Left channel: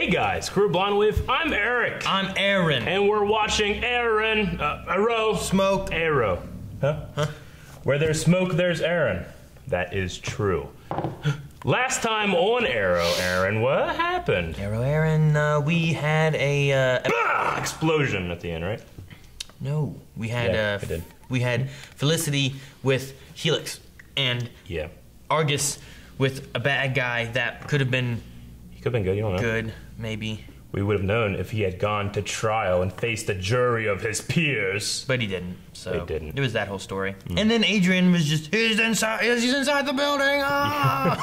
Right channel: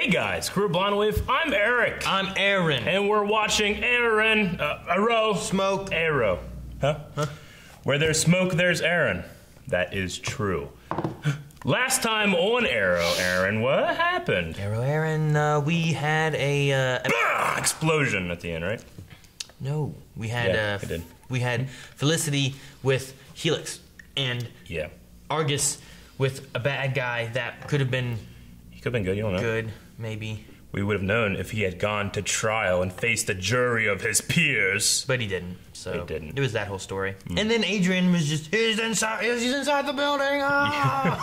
Hey guys, Crew Blonde with, I'm Eric. I'm Aaron. And we're watching Arrow. Smoke. Arrow. Huh? Where there's smoke, there's Aaron. That is true. Last time on Arrow, Aaron, what happened? Aaron, we had a explosion at the end, right? No, we had we had Felicity with Helix and Argus with a bad guy that could have been. He could have been good. You don't know. Good, maybe. We would have known if he had gone to trial and faced a jury of his peers. But he didn't. So he didn't. It was that whole story. And then Adrian was just, he's inside the building. Ah!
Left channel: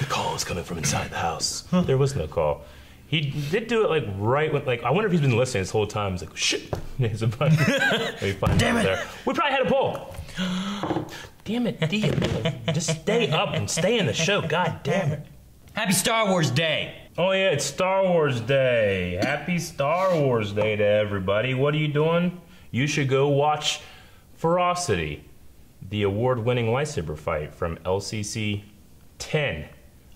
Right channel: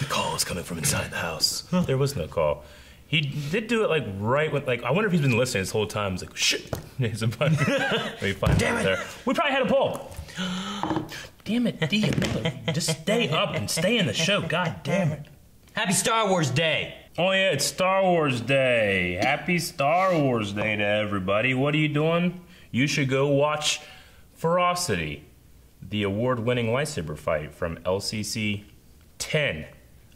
The call is coming from inside the house. There was no call. He did do it like right when, like, I wonder if he's been listening this whole time. He's like, shit. There's a button. Damn it. There. We probably had a poll. Damn it, D. Just stay up and stay in the show. God damn it. Happy Star Wars Day. Oh yeah, it's Star Wars Day. Happy Star Wars Day to everybody. What are you doing? You should go watch Ferocity, the award-winning lightsaber fight from LCC 10,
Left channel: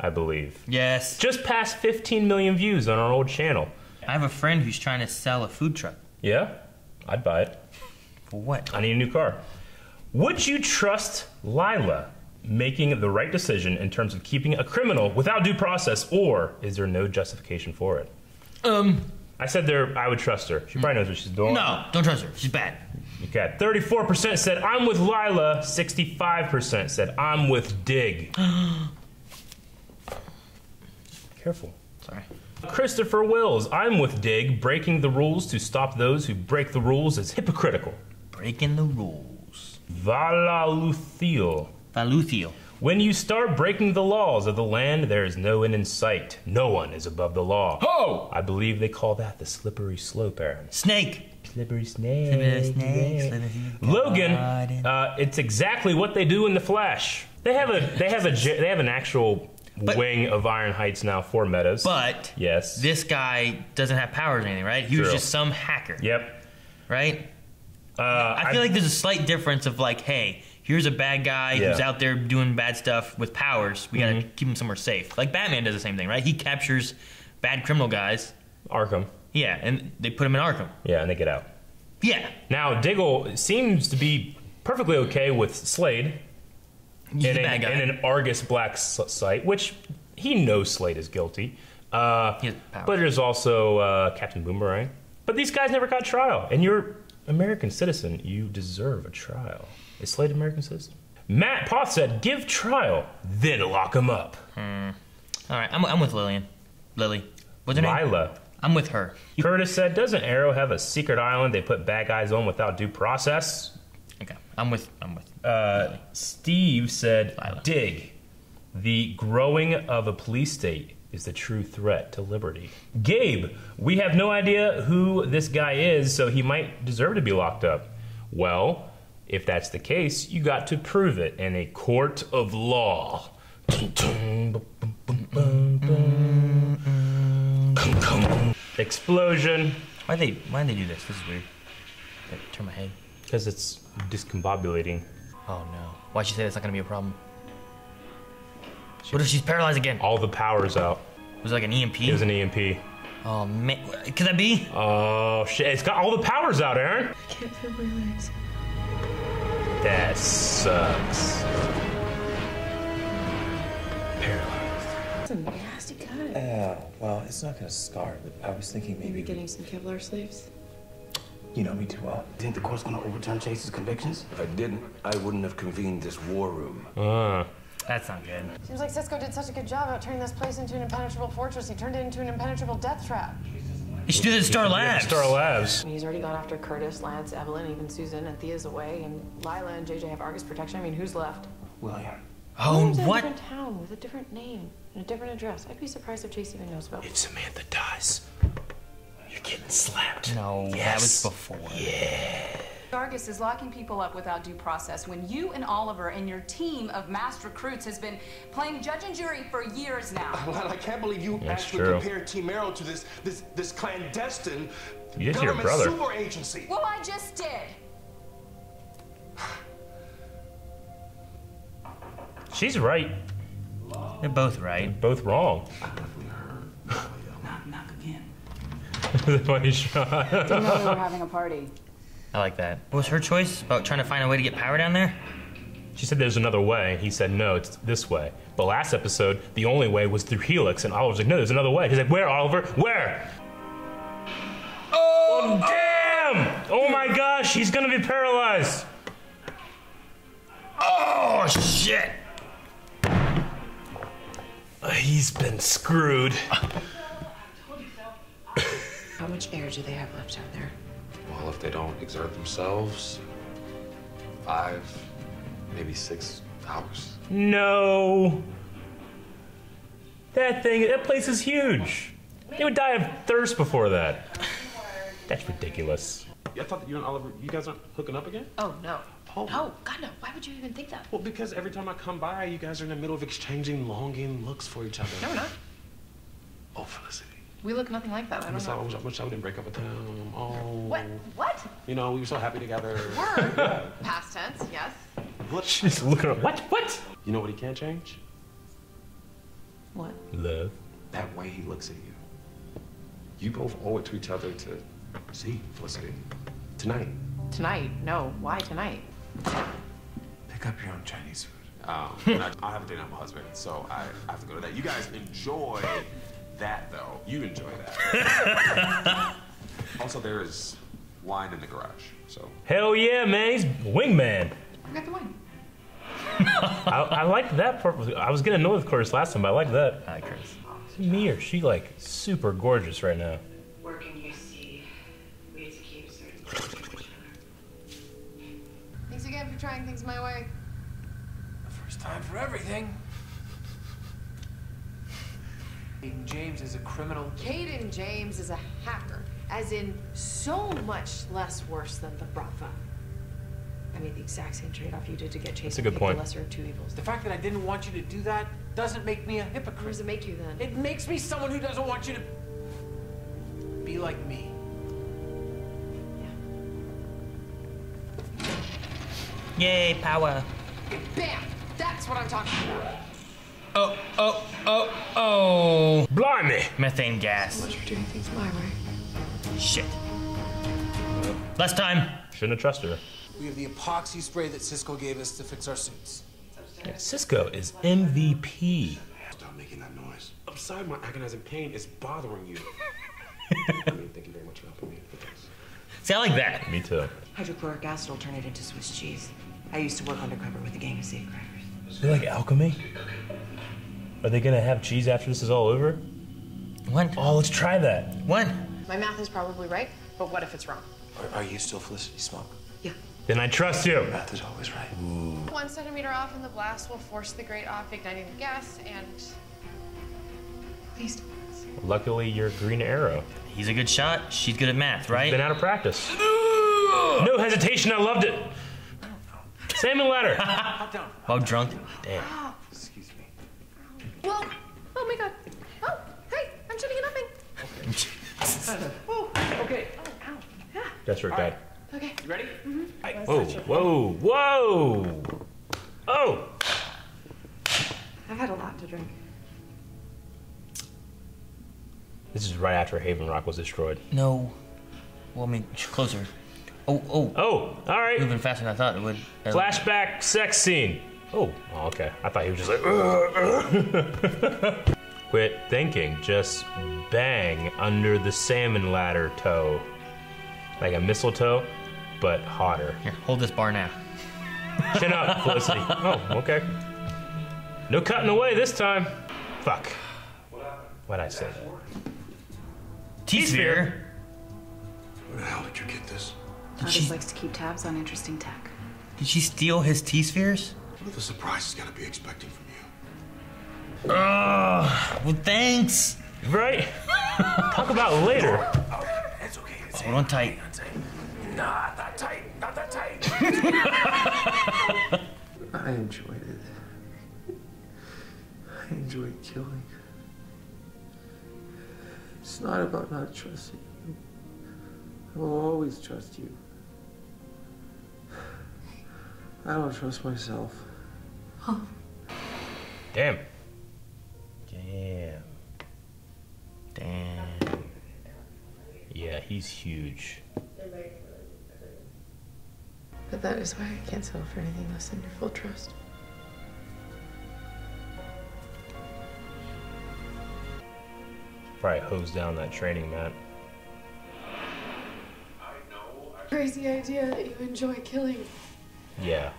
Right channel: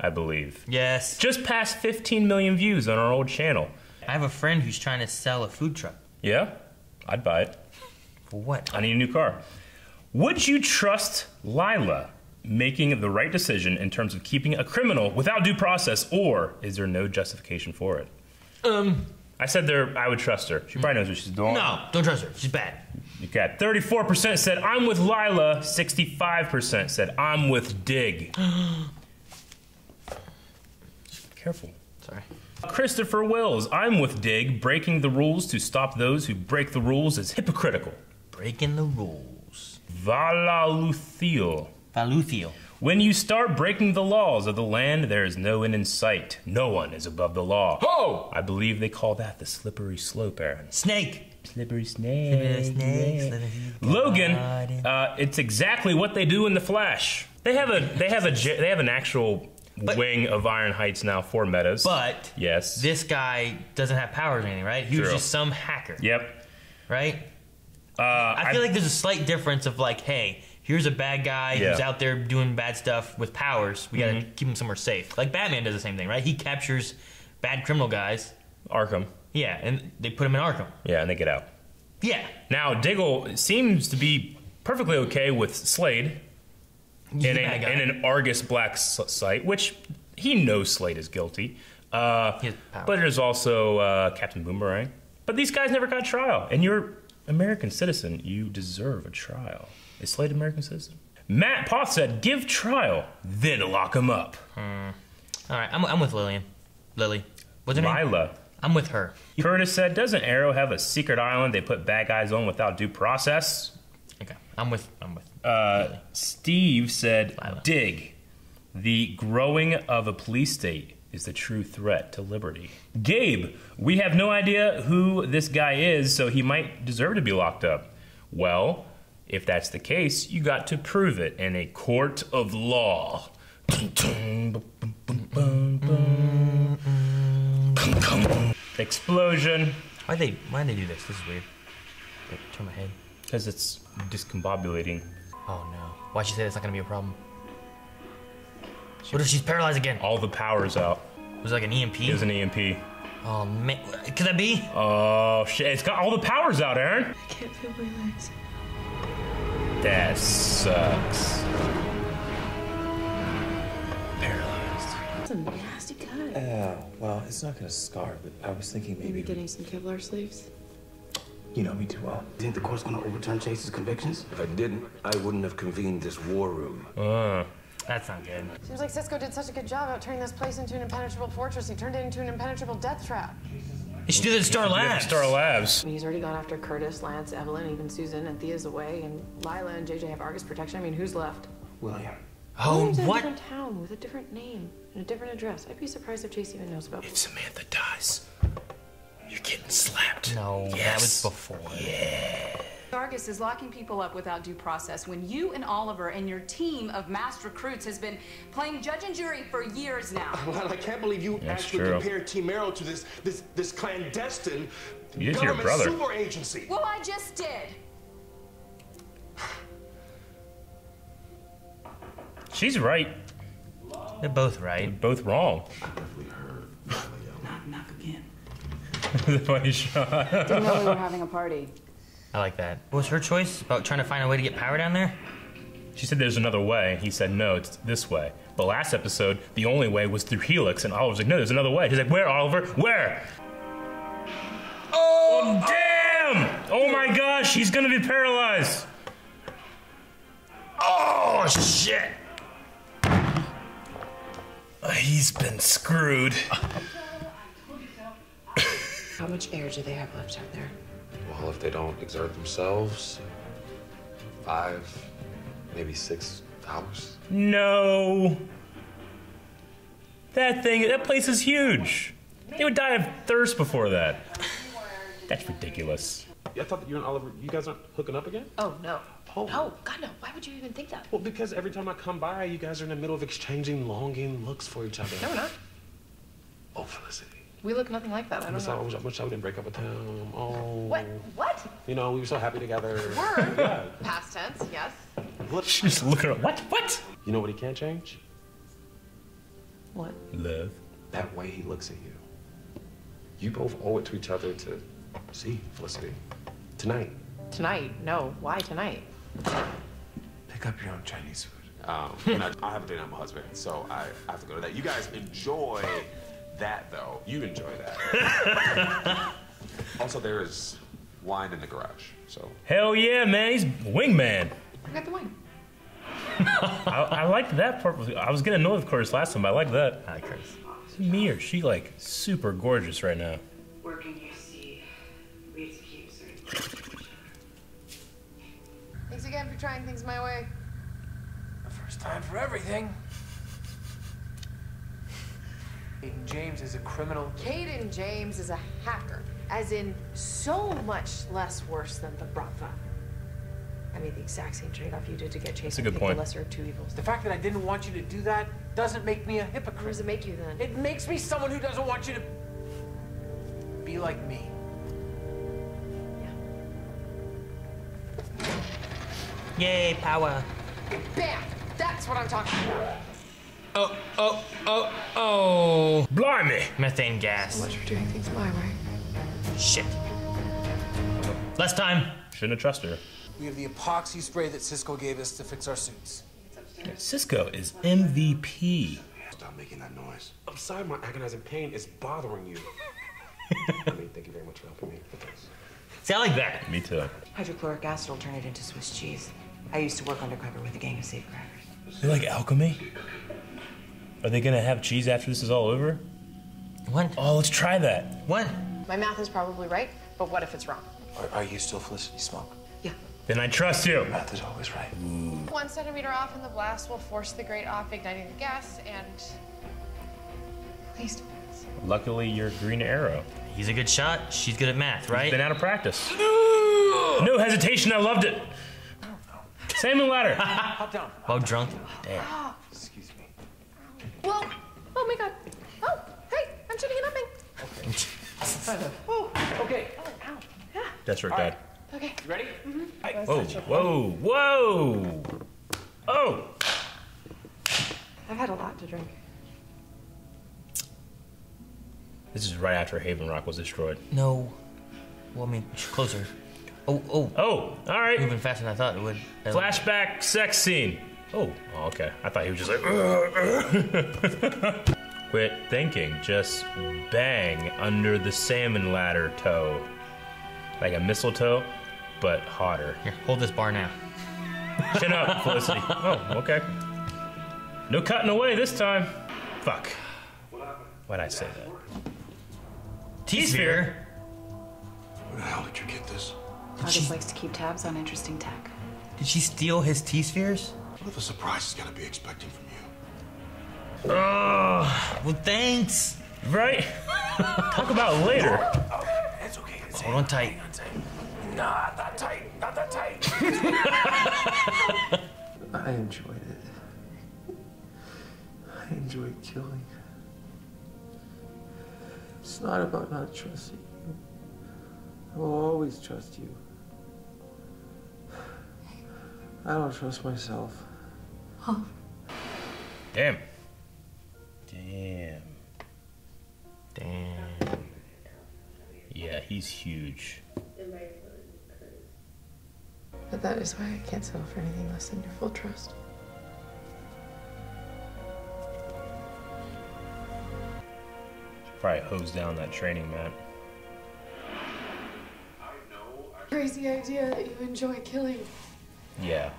I believe. Yes. Just past 15 million views on our old channel. I have a friend who's trying to sell a food truck. Yeah? I'd buy it. For what? I need a new car. Would you trust Lyla making the right decision in terms of keeping a criminal without due process, or is there no justification for it? I said I would trust her. She probably knows what she's doing. No, don't trust her. She's bad. Okay. 34% said I'm with Lyla. 65% said I'm with Dig. Careful. Sorry. Christopher Wills, I'm with Dig. Breaking the rules to stop those who break the rules is hypocritical. Breaking the rules. Valaluthiel. When you start breaking the laws of the land, there is no end in sight. No one is above the law. Oh! I believe they call that the slippery slope, Aaron. Snake. Slippery snake. Logan, it's exactly what they do in the Flash. They have an actual wing of Iron Heights now for metas. But yes, this guy doesn't have powers or anything, right? He was just some hacker. Yep. Right? I feel like there's a slight difference of like, hey, here's a bad guy who's out there doing bad stuff with powers. We gotta keep him somewhere safe. Like Batman does the same thing, right? He captures bad criminal guys. Arkham. Yeah, and they put him in Arkham. Yeah, and they get out. Yeah. Now, Diggle seems to be perfectly okay with Slade in an Argus Black site, which he knows Slade is guilty. But there's also Captain Boomerang. But these guys never got trial, and you're American citizen. You deserve a trial. Is Slade an American citizen? Matt Poth said, give trial, then lock him up. All right, I'm with Lily. What's her name? Lyla. I'm with her. Curtis said, doesn't Arrow have a secret island they put bad guys on without due process? Okay, I'm with Steve said, Lyla. dig. The growing of a police state is the true threat to liberty. Gabe, we have no idea who this guy is, so he might deserve to be locked up. Well, if that's the case, you got to prove it in a court of law. Explosion. Why'd they do this? This is weird. Like, turn my head. Because it's discombobulating. Oh no. Why'd she say that's not gonna be a problem? What if she's paralyzed again? All the power's out. Was it like an EMP? It was an EMP. Oh man, could that be? Oh shit, it's got all the powers out, Aaron. I can't feel my legs. That sucks. Paralyzed. That's a nasty cut. Well, it's not gonna scar, but I was thinking maybe getting some Kevlar sleeves. You know me too well. Think the court's gonna overturn Chase's convictions? If I didn't, I wouldn't have convened this war room. That's not good. Seems like Cisco did such a good job of turning this place into an impenetrable fortress. He turned it into an impenetrable death trap. You should do that at Star Labs. Star Labs. I mean, he's already gone after Curtis, Lance, Evelyn, even Susan, and Thea's away, and Lyla and JJ have Argus protection. I mean, who's left? William. Oh, William's in a what? different town with a different name and a different address. I'd be surprised if Chase even knows about it. If Samantha dies, you're getting slapped. No, that was before. Yeah. Argus is locking people up without due process when you and Oliver and your team of mass recruits has been playing judge and jury for years now. Well, I can't believe you actually compared Team Arrow to this clandestine government super agency. Well, I just did. She's right. They're both right. They're both wrong. I definitely heard Funny shot. Didn't know we were having a party. I like that. What was her choice about trying to find a way to get power down there? She said there's another way. He said, no, it's this way. But last episode, the only way was through Helix, and Oliver's like, no, there's another way. He's like, where, Oliver? Where? Oh, damn! Oh my gosh, he's gonna be paralyzed. Oh, shit! He's been screwed. How much air do they have left out there? Well, if they don't exert themselves, 5, maybe 6 hours. No. That place is huge. They would die of thirst before that. That's ridiculous. I thought that you and Oliver, you guys aren't hooking up again? Oh, no. Oh. No, God, no. Why would you even think that? Well, because every time I come by, you guys are in the middle of exchanging longing looks for each other. No, we're not. Oh, Felicity. We look nothing like that. I don't know. I wish I didn't break up with him. Oh. What? You know, we were so happy together. Were? Yeah. Past tense, yes. What? She's looking at what? You know what he can't change? What? Love. That way he looks at you. You both owe it to each other to see Felicity. Tonight. Tonight? No. Why tonight? Pick up your own Chinese food. I have a date on my husband, so I have to go to that. You guys enjoy that, though. You enjoy that. Also, there is wine in the garage, so. Hell yeah, man. He's wingman. I got the wine. I liked that part. I was getting annoyed with Chris last time, but I like that. Hi, Chris. Is it me or is she like super gorgeous right now? Where can you see? We keep Thanks again for trying things my way. First time for everything. Aiden James is a criminal. Caden James is a hacker, as in so much less worse than the Brava. I made the exact same trade-off you did to get Chase and pick the lesser of two evils. The fact that I didn't want you to do that doesn't make me a hypocrite. What does it make you then? It makes me someone who doesn't want you to be like me. Yay, power. Bam! That's what I'm talking about. Oh. Blimey! Methane gas. So much for doing things my way. Shit. Last time. Shouldn't have trusted her. We have the epoxy spray that Cisco gave us to fix our suits. Yeah, Cisco is MVP. Stop making that noise. I'm sorry my agonizing pain is bothering you. I mean, thank you very much for helping me with this. See, I like that. Me too. Hydrochloric acid will turn it into Swiss cheese. I used to work undercover with a gang of safecrackers. They're like alchemy? Are they gonna have cheese after this is all over? What? Oh, let's try that. What? My math is probably right, but what if it's wrong? Are you still Felicity Smoke? Yeah. Then I trust you. Math is always right. 1 centimeter off in the blast will force the grate off, igniting the gas, and... Please. Luckily, you're Green Arrow. He's a good shot. She's good at math, right? Been out of practice. No hesitation. I loved it. I don't know. Salmon ladder. Hop down. Oh, drunk. Oh. Excuse me. Whoa! Oh my god. Oh, hey, I'm shooting an upping. Okay. Oh, ow. Yeah. That's her All dad. right. Okay. You ready? Whoa. Oh. I've had a lot to drink. This is right after Haven Rock was destroyed. No. Well, I mean, closer. Oh. Oh, all right. Moving faster than I thought it would. Flashback sex scene. Oh, okay. I thought he was just like, Quit thinking. Just bang under the salmon ladder toe. Like a mistletoe, but hotter. Here, hold this bar now. Chin up, Felicity. Oh, okay. No cutting away this time. Fuck. Why'd I say that? T-sphere? Where the hell did you get this? August likes to keep tabs on interesting tech. Did she steal his T-spheres? What are the surprises gotta be expecting from you? Well, thanks. Right? Talk about it later. It's okay. It's Hold on tight. Hang on tight. Not that tight. Not that tight. I enjoyed it. I enjoyed killing. It's not about not trusting you. I will always trust you. I don't trust myself. Huh. Damn. he's huge. But that is why I can't settle for anything less than your full trust. Probably hose down that training mat. Crazy idea that you enjoy killing. Yeah.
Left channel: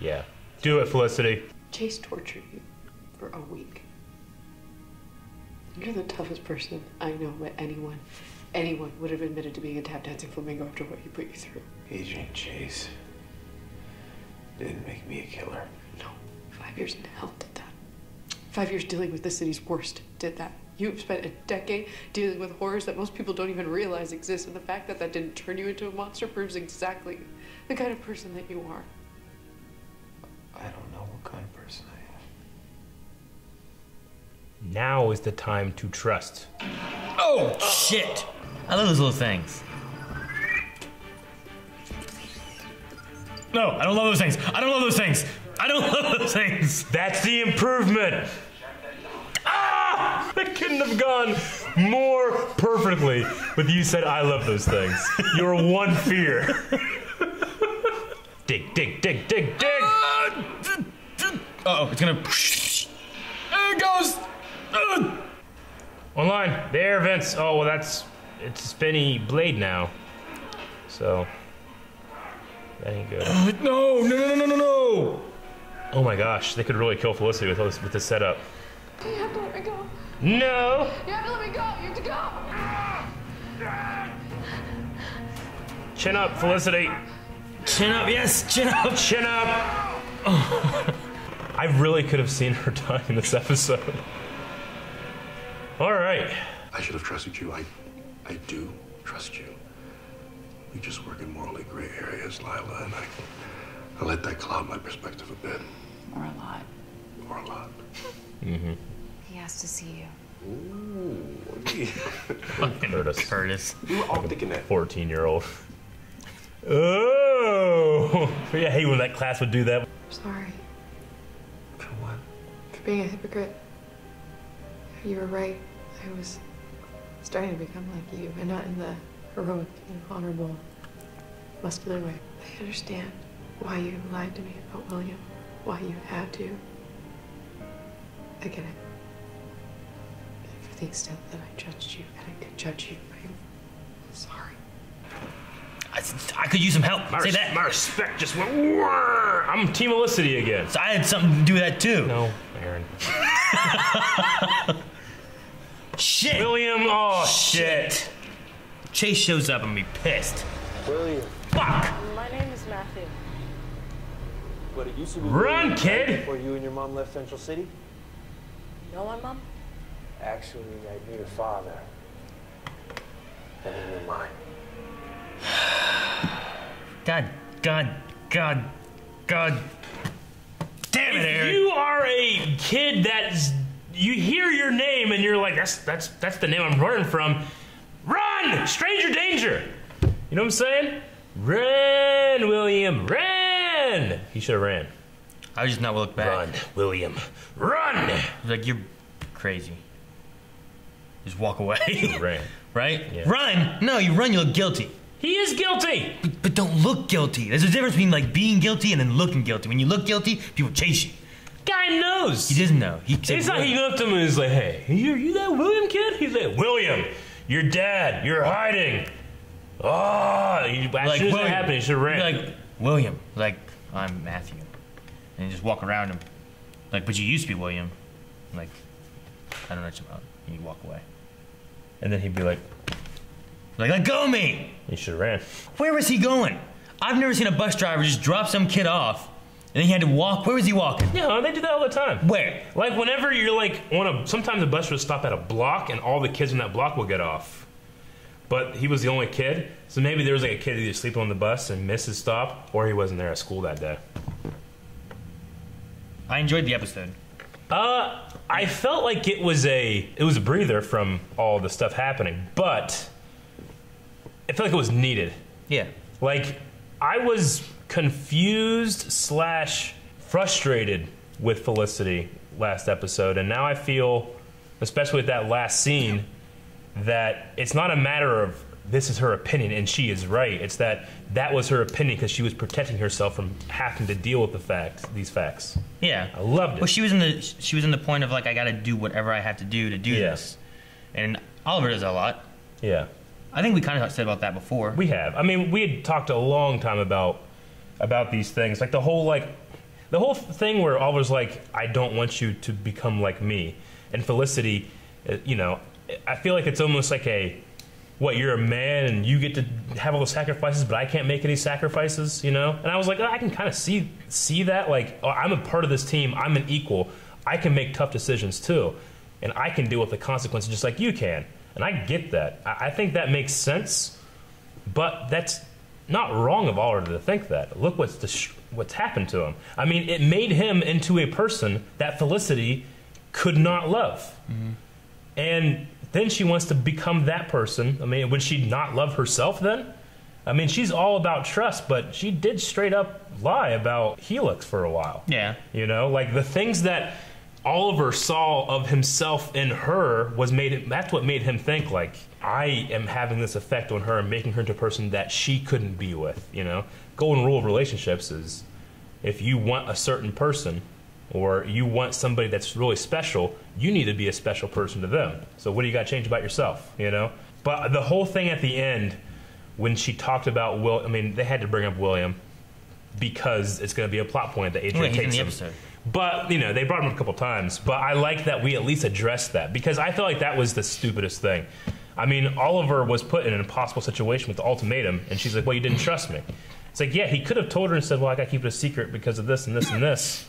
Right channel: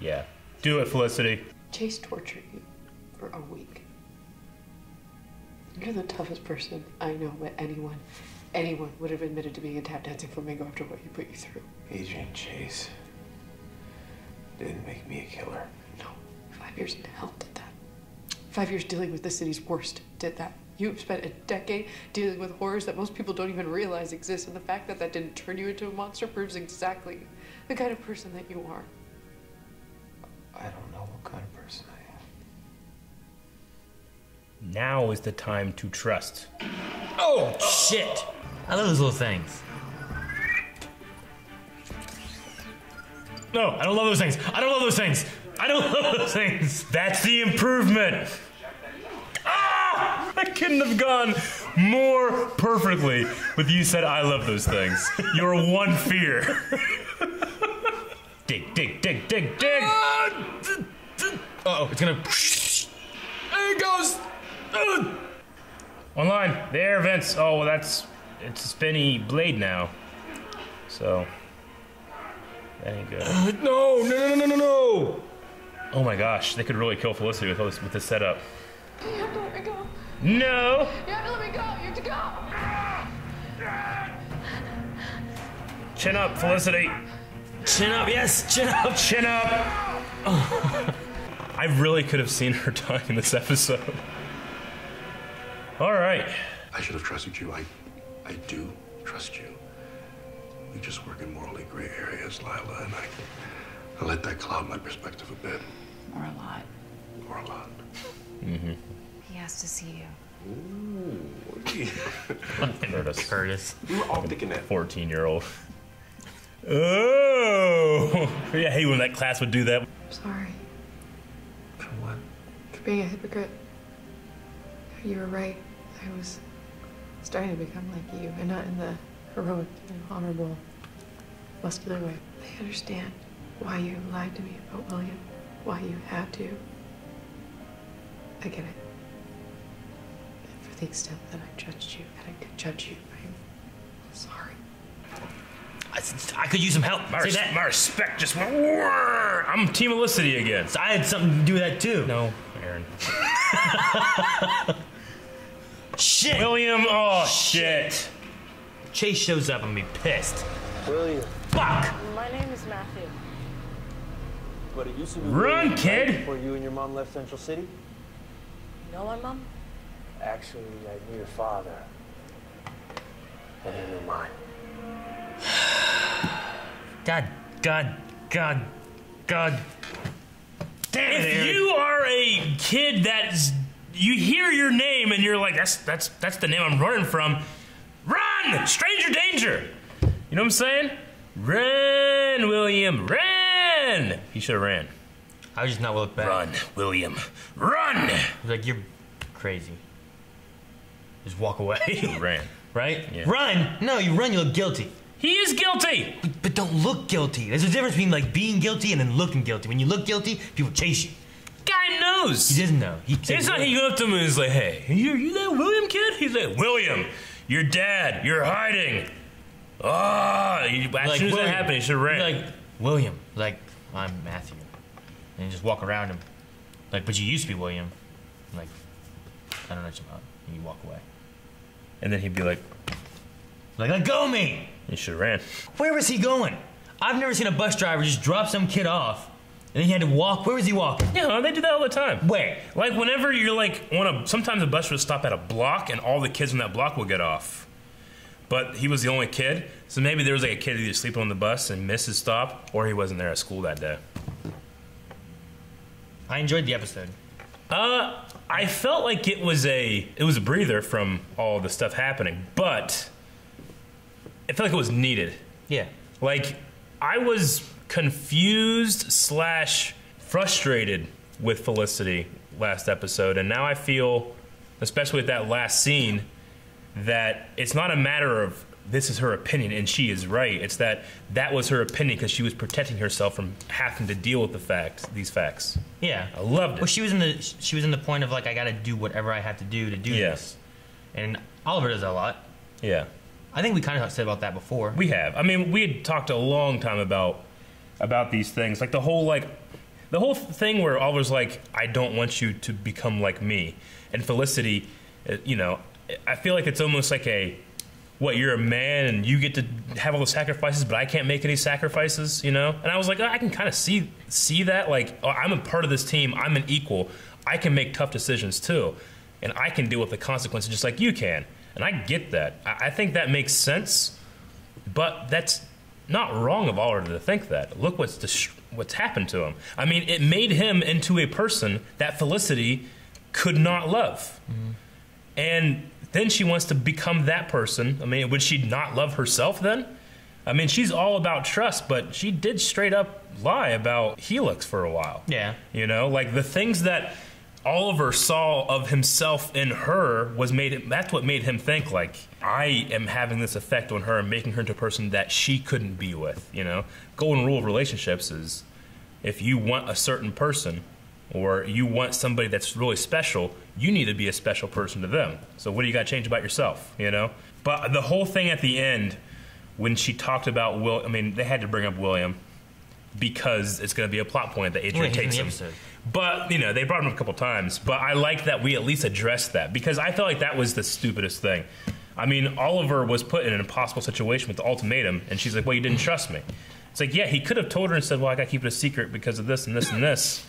Yeah. Do it, Felicity. Chase tortured you for a week. You're the toughest person I know, but anyone would have admitted to being a tap dancing flamingo after what he put you through. Agent Chase didn't make me a killer. No, 5 years in hell did that. 5 years dealing with the city's worst did that. You've spent a decade dealing with horrors that most people don't even realize exist, and the fact that that didn't turn you into a monster proves exactly the kind of person that you are. I don't know what kind of person I am. Now is the time to trust. Oh, shit. I love those little things. No, I don't love those things. I don't love those things. I don't love those things. That's the improvement. Ah! I couldn't have gone more perfectly with you said I love those things. Your one fear. Dig, dig, dig, dig, dig. Uh-oh, it's gonna... There it goes. Online. There, Vince. Oh, well, it's a spinny blade now. So, that ain't good. No. Oh my gosh, they could really kill Felicity with this setup. You have to let me go. No! You have to let me go. You have to go. Chin up, Felicity. Chin up, yes, chin up. Chin up. I really could have seen her die in this episode. All right. I should have trusted you. I do trust you. We just work in morally gray areas, Lyla, and I let that cloud my perspective a bit. Or a lot. Or a lot. Mm-hmm. He has to see you. Ooh. Curtis. We were all thinking that. 14-year-old. Oh! I hate when that class would do that. I'm sorry. For what? For being a hypocrite. You were right. I was starting to become like you, and not in the heroic and honorable, muscular way. I understand why you lied to me about William, why you had to. I get it. And for the extent that I judged you, and I could judge you, I'm sorry. I could use some help. My Say that. My respect just went. Whirr. I'm Team Felicity again. So I had something to do with that too. No, Aaron. Shit. William. Oh shit. Chase shows up. I'm gonna be pissed. William. Fuck. My name is Matthew. But it used to be Run, William, kid. right before you and your mom left Central City. You know my mom? Actually, I knew your father. And he knew mine. God. Damn it, Aaron. If you are a kid that's you hear your name and you're like, that's the name I'm running from. Run! Stranger danger! You know what I'm saying? Run, William, run! He should have ran. I was just not look back. Run, William, run! I was like, you're crazy. Just walk away. Ran. Right? Yeah. Run! No, you run, you look guilty. He is guilty! But don't look guilty. There's a difference between like being guilty and then looking guilty. When you look guilty, people chase you. Guy knows. He doesn't know. It's not he went up to him and he's like, hey, you that William kid? He's like, William, your dad, you're hiding. As soon as that happened, he should have ran. Like, William. Like, I'm Matthew. And you just walk around him. Like, but you used to be William. Like, I don't know what you're about. And you walk away. And then he'd be like, let go of me! You should have ran. Where was he going? I've never seen a bus driver just drop some kid off and then he had to walk. Where was he walking? Yeah, they do that all the time. Where? Like whenever you're like sometimes the bus will stop at a block and all the kids in that block will get off. But he was the only kid, so maybe there was like a kid either sleeping on the bus and missed his stop, or he wasn't there at school that day. I enjoyed the episode. I felt like it was a breather from all the stuff happening, but I felt like it was needed. Yeah. Like, I was confused / frustrated with Felicity last episode, and now I feel, especially with that last scene, that it's not a matter of this is her opinion and she is right. It's that was her opinion because she was protecting herself from having to deal with these facts. Yeah, I loved it. Well, she was in the point of like, I got to do whatever I have to do this, and Oliver does that a lot. Yeah, I think we kind of said about that before. We have. I mean, we had talked a long time about these things, like the whole thing where Oliver's like, I don't want you to become like me, and Felicity, you know, I feel like it's almost like you're a man and you get to have all the sacrifices, but I can't make any sacrifices, you know? And I was like, I can kind of see that. Like, I'm a part of this team. I'm an equal. I can make tough decisions, too. And I can deal with the consequences just like you can. And I get that. I think that makes sense. But that's not wrong of Oliver to think that. Look what's happened to him. I mean, it made him into a person that Felicity could not love. Mm-hmm. And then she wants to become that person. I mean, would she not love herself then? I mean, she's all about trust, but she did straight up lie about Helix for a while. Yeah. You know, like the things that Oliver saw of himself in her that's what made him think, like, I am having this effect on her and making her into a person that she couldn't be with, you know? Golden rule of relationships is if you want a certain person or you want somebody that's really special, you need to be a special person to them. So what do you got to change about yourself, you know? But the whole thing at the end, when she talked about they had to bring up William because it's going to be a plot point that Adrian takes him. But, you know, they brought him up a couple times. But I like that we at least addressed that because I felt like that was the stupidest thing. I mean, Oliver was put in an impossible situation with the ultimatum, and she's like, well, you didn't trust me. It's like, yeah, he could have told her and said, well, I got to keep it a secret because of this and this and this.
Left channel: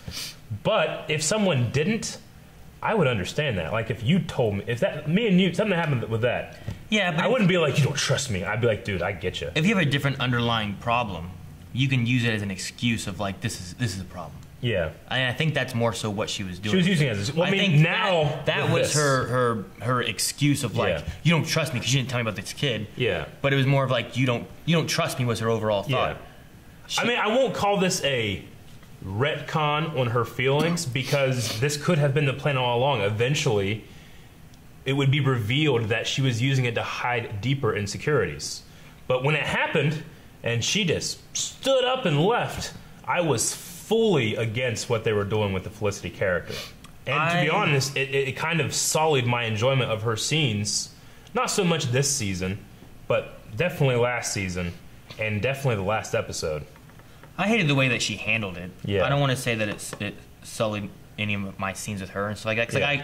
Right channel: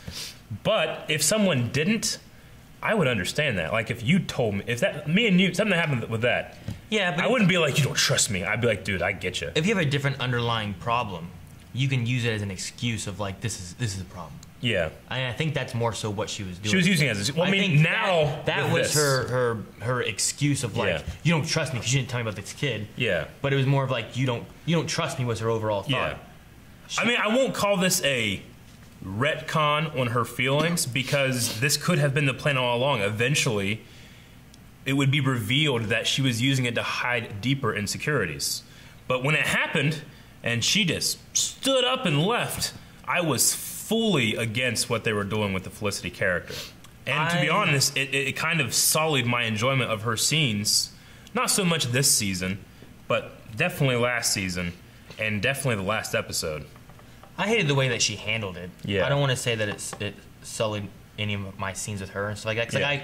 But if someone didn't, I would understand that. Like, if you told me, me and you, something happened with that. Yeah, but I wouldn't be like, you don't trust me. I'd be like, dude, I get you. If you have a different underlying problem, you can use it as an excuse of like, this is a problem. Yeah, I think that's more so what she was doing. She was using it as I mean, now that was her excuse of like, you don't trust me because you didn't tell me about this kid. Yeah, but it was more of like, you don't trust me was her overall thought. Yeah. I mean, I won't call this a retcon on her feelings because this could have been the plan all along. Eventually, it would be revealed that she was using it to hide deeper insecurities. But when it happened and she just stood up and left, I was fully against what they were doing with the Felicity character. And to be honest, it kind of sullied my enjoyment of her scenes. Not so much this season, but definitely last season and definitely the last episode. I hated the way that she handled it. Yeah. I don't want to say that it sullied any of my scenes with her and stuff like that. 'Cause like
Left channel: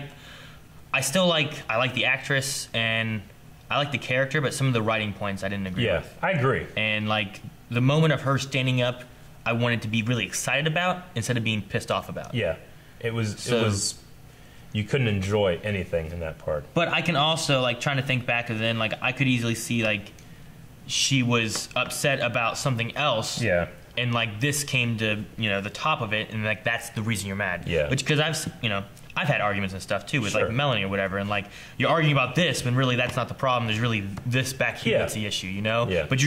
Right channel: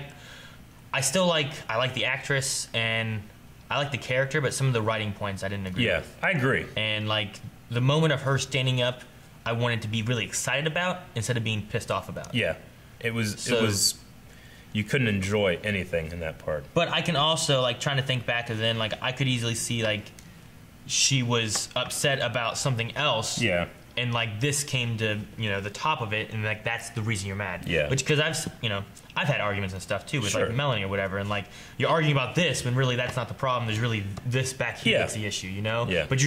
I still like the actress and I like the character, but some of the writing points I didn't agree with. Yeah, I agree. And like the moment of her standing up, I wanted to be really excited about instead of being pissed off about. Yeah, it was. You couldn't enjoy anything in that part. But I can also like trying to think back to then, like I could easily see like she was upset about something else. Yeah. And like this came to the top of it, and like that's the reason you're mad. Yeah. Which because I've had arguments and stuff too with like Melanie or whatever, and like you're arguing about this when really that's not the problem. There's really this back here that's the issue, Yeah. But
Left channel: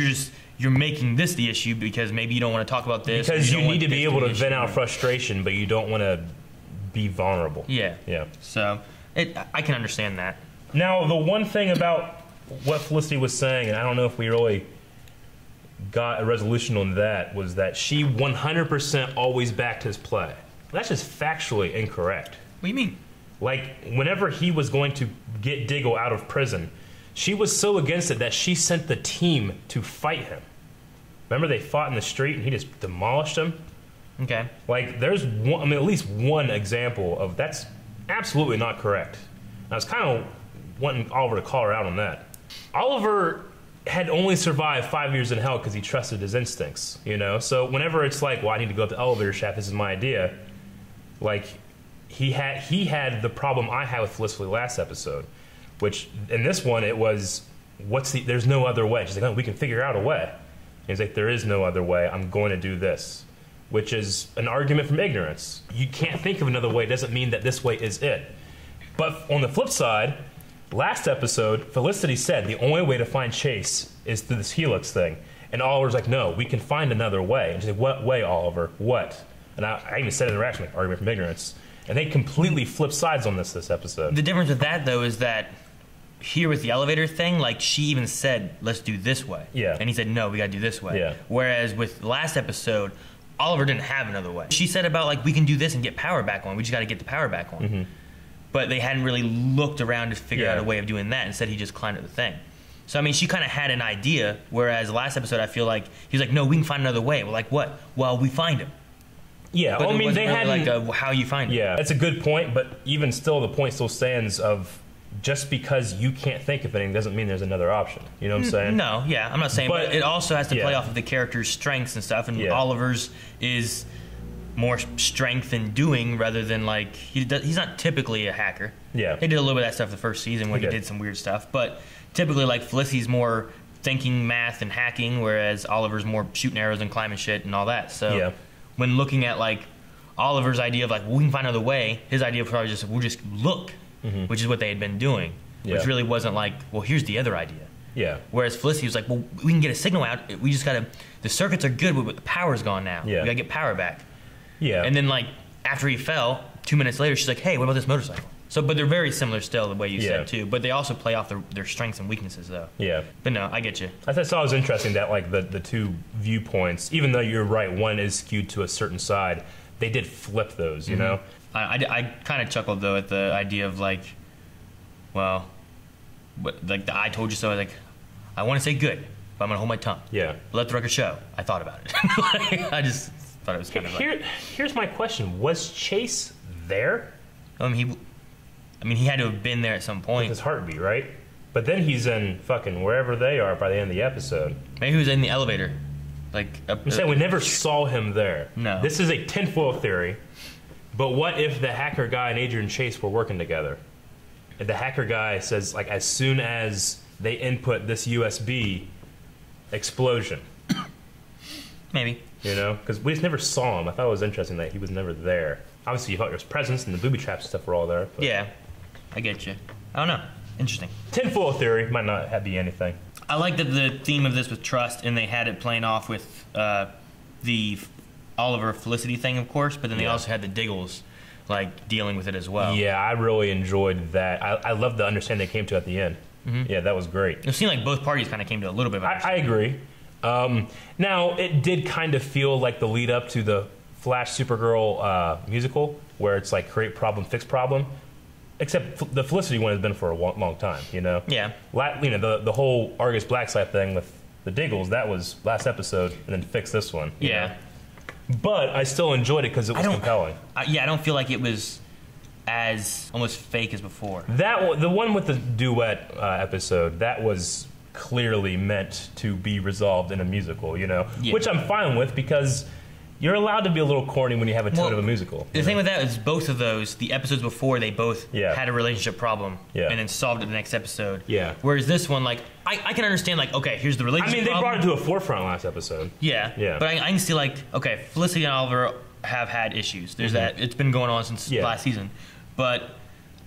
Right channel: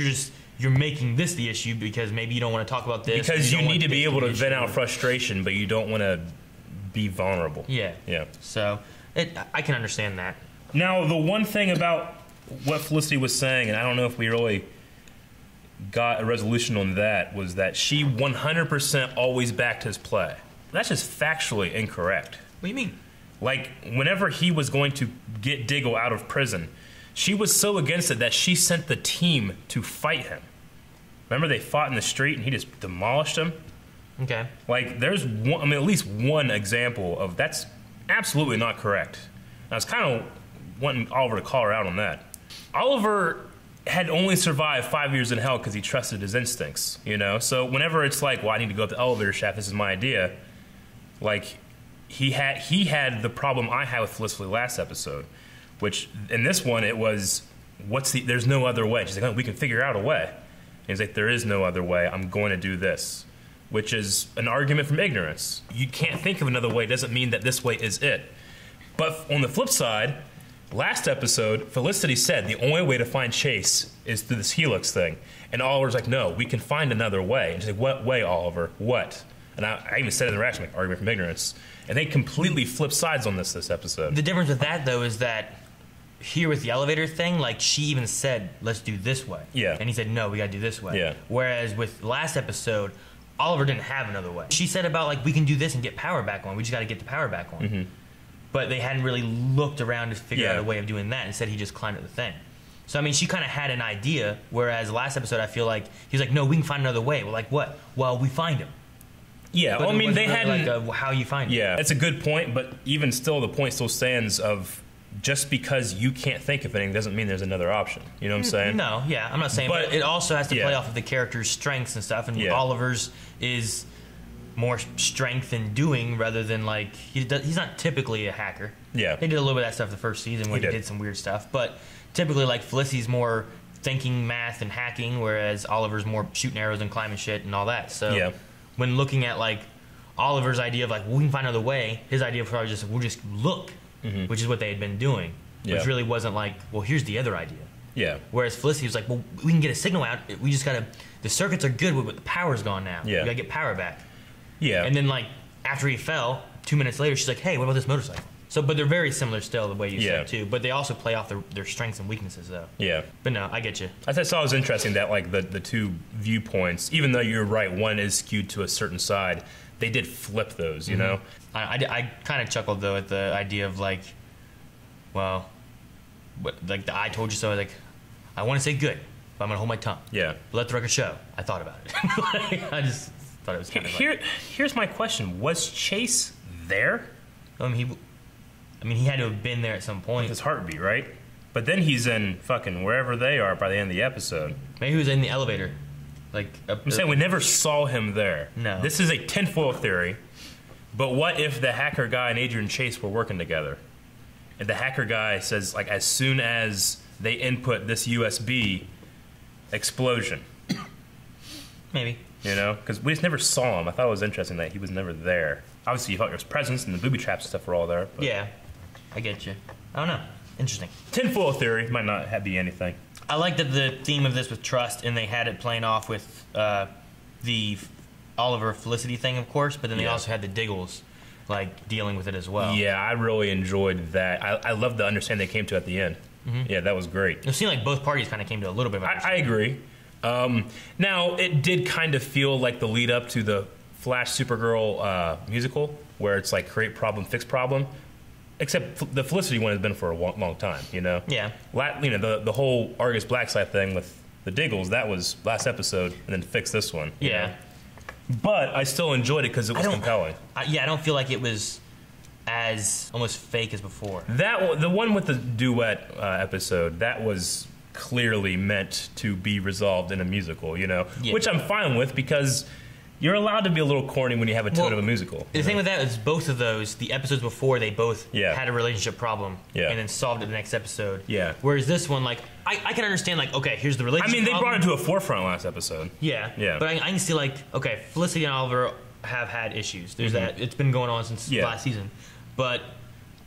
you're making this the issue because maybe you don't want to talk about this because you need to be able to vent out frustration, but you don't want to be vulnerable. Yeah. Yeah. So I can understand that. Now the one thing about what Felicity was saying, and I don't know if we really got a resolution on that, was that she 100% always backed his play. That's just factually incorrect. What do you mean? Like, whenever he was going to get Diggle out of prison, she was so against it that she sent the team to fight him. Remember they fought in the street and he just demolished him? Okay. Like, there's at least one example of that's absolutely not correct. I was kind of wanting Oliver to call her out on that. Oliver had only survived 5 years in hell because he trusted his instincts, So whenever it's like, well, I need to go up the elevator shaft, this is my idea, like, he had the problem I had with Felicity last episode, which in this one it was, there's no other way. She's like, oh, we can figure out a way. And he's like, there is no other way. I'm going to do this, which is an argument from ignorance. You can't think of another way doesn't mean that this way is it. But on the flip side, last episode, Felicity said the only way to find Chase is through this Helix thing. And Oliver's like, no, we can find another way. And she's like, what way, Oliver? What? And I even said it in the reaction, like, argument from ignorance. And they completely flip sides on this episode. The difference with that, though, is that here with the elevator thing, like she even said, let's do this way. Yeah. And he said, no, we gotta do this way. Yeah. Whereas with last episode, Oliver didn't have another way. She said about like, we can do this and get power back on. We just gotta get the power back on. Mm-hmm. But they hadn't really looked around to figure out a way of doing that. Instead, he just climbed up the thing. So, I mean, she kind of had an idea, whereas last episode, I feel like he's like, no, we can find another way. We're like, what? Well, we find him. Yeah, but well, I mean, they really had like how you find him. Yeah, that's a good point, but even still, the point still stands of just because you can't think of anything doesn't mean there's another option. You know what I'm saying? No, yeah, I'm not saying, but it also has to play off of the character's strengths and stuff, and Oliver's is more strength in doing rather than like, he's not typically a hacker. Yeah. They did a little bit of that stuff the first season when he did some weird stuff, but typically like Felicity's more thinking, math, and hacking, whereas Oliver's more shooting arrows and climbing shit and all that. So when looking at like Oliver's idea of like, well, we can find another way, his idea was probably just, we'll just look, which is what they had been doing, which really wasn't like, well, here's the other idea. Yeah. Whereas Felicity was like, well, we can get a signal out, we just gotta, the circuits are good, but the power's gone now. Yeah. We gotta get power back. Yeah. And then like, after he fell, 2 minutes later, she's like, hey, what about this motorcycle? So, but they're very similar still, the way you said too. But they also play off their strengths and weaknesses, though. Yeah. But no, I get you. I thought it was interesting that like the two viewpoints, even though you're right, one is skewed to a certain side, they did flip those. You know. I kind of chuckled though at the idea of like, well, like the I told you so. Like, I want to say good, but I'm gonna hold my tongue. Yeah. But let the record show. I thought about it. Like, I just thought it was kind of like, here's my question: was Chase there? I mean, he had to have been there at some point. With his heartbeat, right? But then he's in fucking wherever they are by the end of the episode. Maybe he was in the elevator. Like, I'm saying we never saw him there. No. This is a tinfoil theory. But what if the hacker guy and Adrian Chase were working together? If the hacker guy says, like, as soon as they input this USB, explosion. Maybe. You know? Because we just never saw him. I thought it was interesting that he was never there. Obviously, you thought his presence and the booby traps and stuff were all there. But. Yeah. I get you. I don't know. Interesting. Tinfoil theory might not be anything. I like that the theme of this was trust, and they had it playing off with the Oliver Felicity thing, of course, but then they also had the Diggles, like, dealing with it as well. Yeah, I really enjoyed that. I love the understanding they came to at the end. Yeah, that was great. It seemed like both parties kind of came to a little bit of I agree. Now, it did kind of feel like the lead up to the Flash Supergirl musical, where it's like create problem, fix problem. Except the Felicity one has been for a long time, you know? Yeah. You know, the whole Argus Blackside thing with the Diggles, that was last episode, and then fix this one. Yeah. Know? But I still enjoyed it because it was compelling. I don't feel like it was as almost fake as before. The one with the duet episode, that was clearly meant to be resolved in a musical, you know? Yeah. Which I'm fine with because you're allowed to be a little corny when you have a tone of a musical. The thing with that is both of those, the episodes before, they both had a relationship problem and then solved it the next episode. Yeah. Whereas this one, like, I can understand, like, okay, here's the relationship problem. problem. They brought it to a forefront last episode. Yeah. Yeah. But I can see, like, okay, Felicity and Oliver have had issues. There's that. It's been going on since last season. But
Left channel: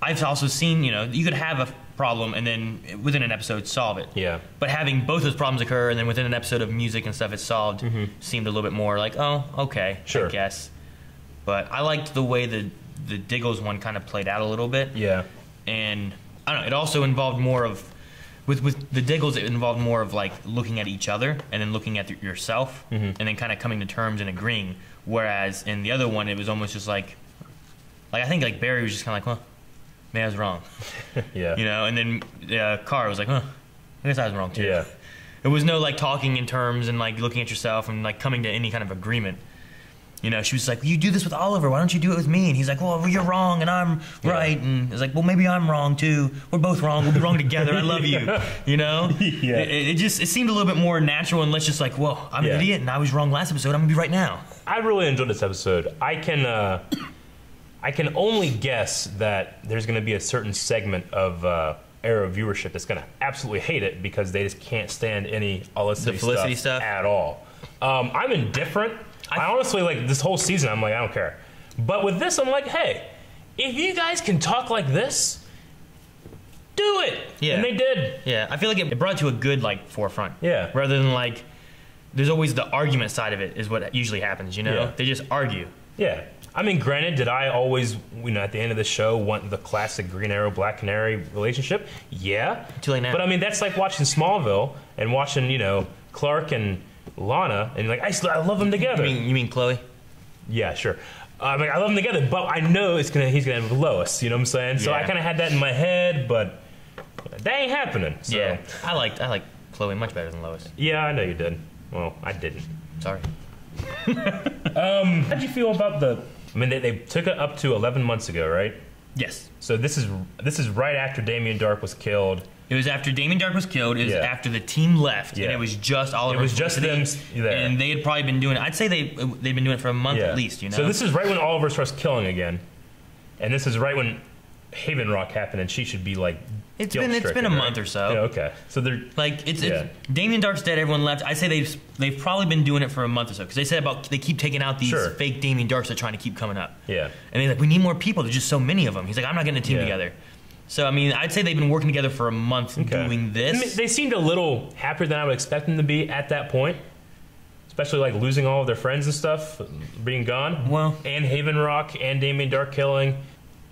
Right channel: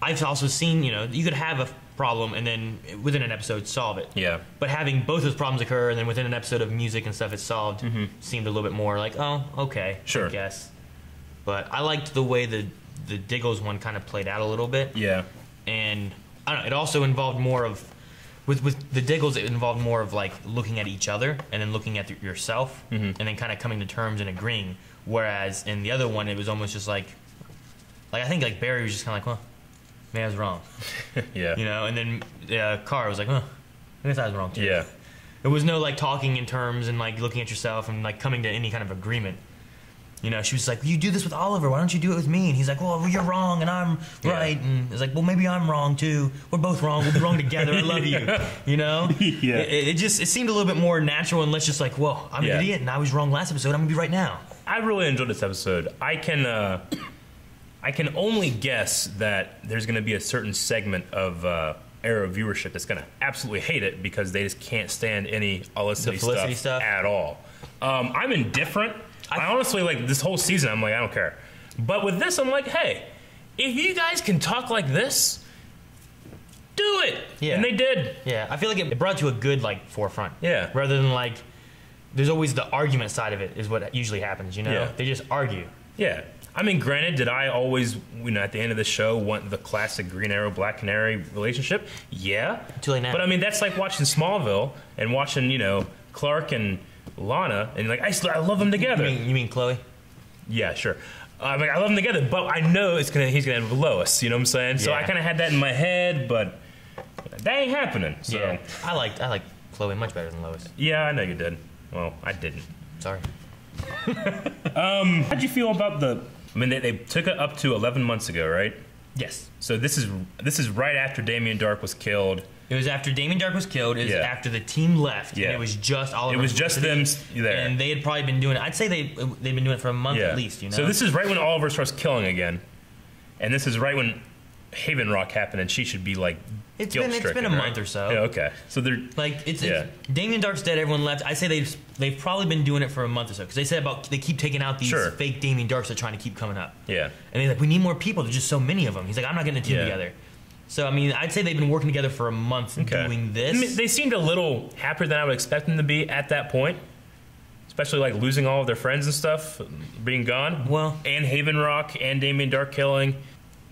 I've also seen, you know, you could have a problem and then within an episode solve it. Yeah. But having both those problems occur and then within an episode of music and stuff it's solved seemed a little bit more like, oh, okay, I guess. But I liked the way the Diggles one kind of played out a little bit. Yeah. And I don't know, it also involved more of with the Diggles, it involved more of like looking at each other and then looking at yourself and then kind of coming to terms and agreeing. Whereas in the other one, it was almost just like I think like Barry was just kind of like, well, maybe I was wrong. Yeah. You know, and then Carr was like, huh, I guess I was wrong too. Yeah. There was no like talking in terms and like looking at yourself and like coming to any kind of agreement. You know, she was like, well, you do this with Oliver, why don't you do it with me? And he's like, well, you're wrong and I'm right. And it's like, well, maybe I'm wrong too. We're both wrong. We'll be wrong together. I love you. You know? Yeah. It seemed a little bit more natural and less just like, well, I'm an idiot and I was wrong last episode. I'm going to be right now. I really enjoyed this episode. I can only guess that there's going to be a certain segment of Arrow viewership that's going to absolutely hate it because they just can't stand any Felicity stuff at all. I'm indifferent. I honestly, like, this whole season, I'm like, I don't care. But with this, I'm like, hey, if you guys can talk like this, do it. Yeah. And they did. Yeah. I feel like it brought to a good, like, forefront. Yeah. Rather than, like, there's always the argument side of it is what usually happens, you know? Yeah. They just argue. Yeah. I mean, granted, did I always, at the end of the show, want the classic Green Arrow, Black Canary relationship? Yeah. Too late now. But I mean, that's like watching Smallville and watching, Clark and Lana, and like, I love them together. You mean Chloe? Yeah, sure. I love them together, but I know he's gonna end with Lois. You know what I'm saying? So I kind of had that in my head, but that ain't happening. So. Yeah, I like Chloe much better than Lois. Yeah, I know you did. Well, I didn't. Sorry. How'd you feel about the? I mean, they took it up to 11 months ago, right? Yes. So this is right after Damien Dark was killed. It was after Damien Dark was killed. It was after the team left. Yeah. And it was just Oliver. It was just them there. And they had probably been doing it. I'd say they've been doing it for a month at least, So this is right when Oliver starts killing again. And this is right when Haven Rock happened, and she should be like It's been a month or so. Yeah, okay. So they're like it's Damien Dark's dead. Everyone left. I say they've probably been doing it for a month or so because they said they keep taking out these fake Damien Darks they're trying to keep coming up. Yeah. And they're like, we need more people. There's just so many of them. He's like, I'm not getting a team together. So I mean, I'd say they've been working together for a month doing this. I mean, they seemed a little happier than I would expect them to be at that point. Especially like losing all of their friends and stuff, being gone. Well, and Haven Rock and Damien Dark killing.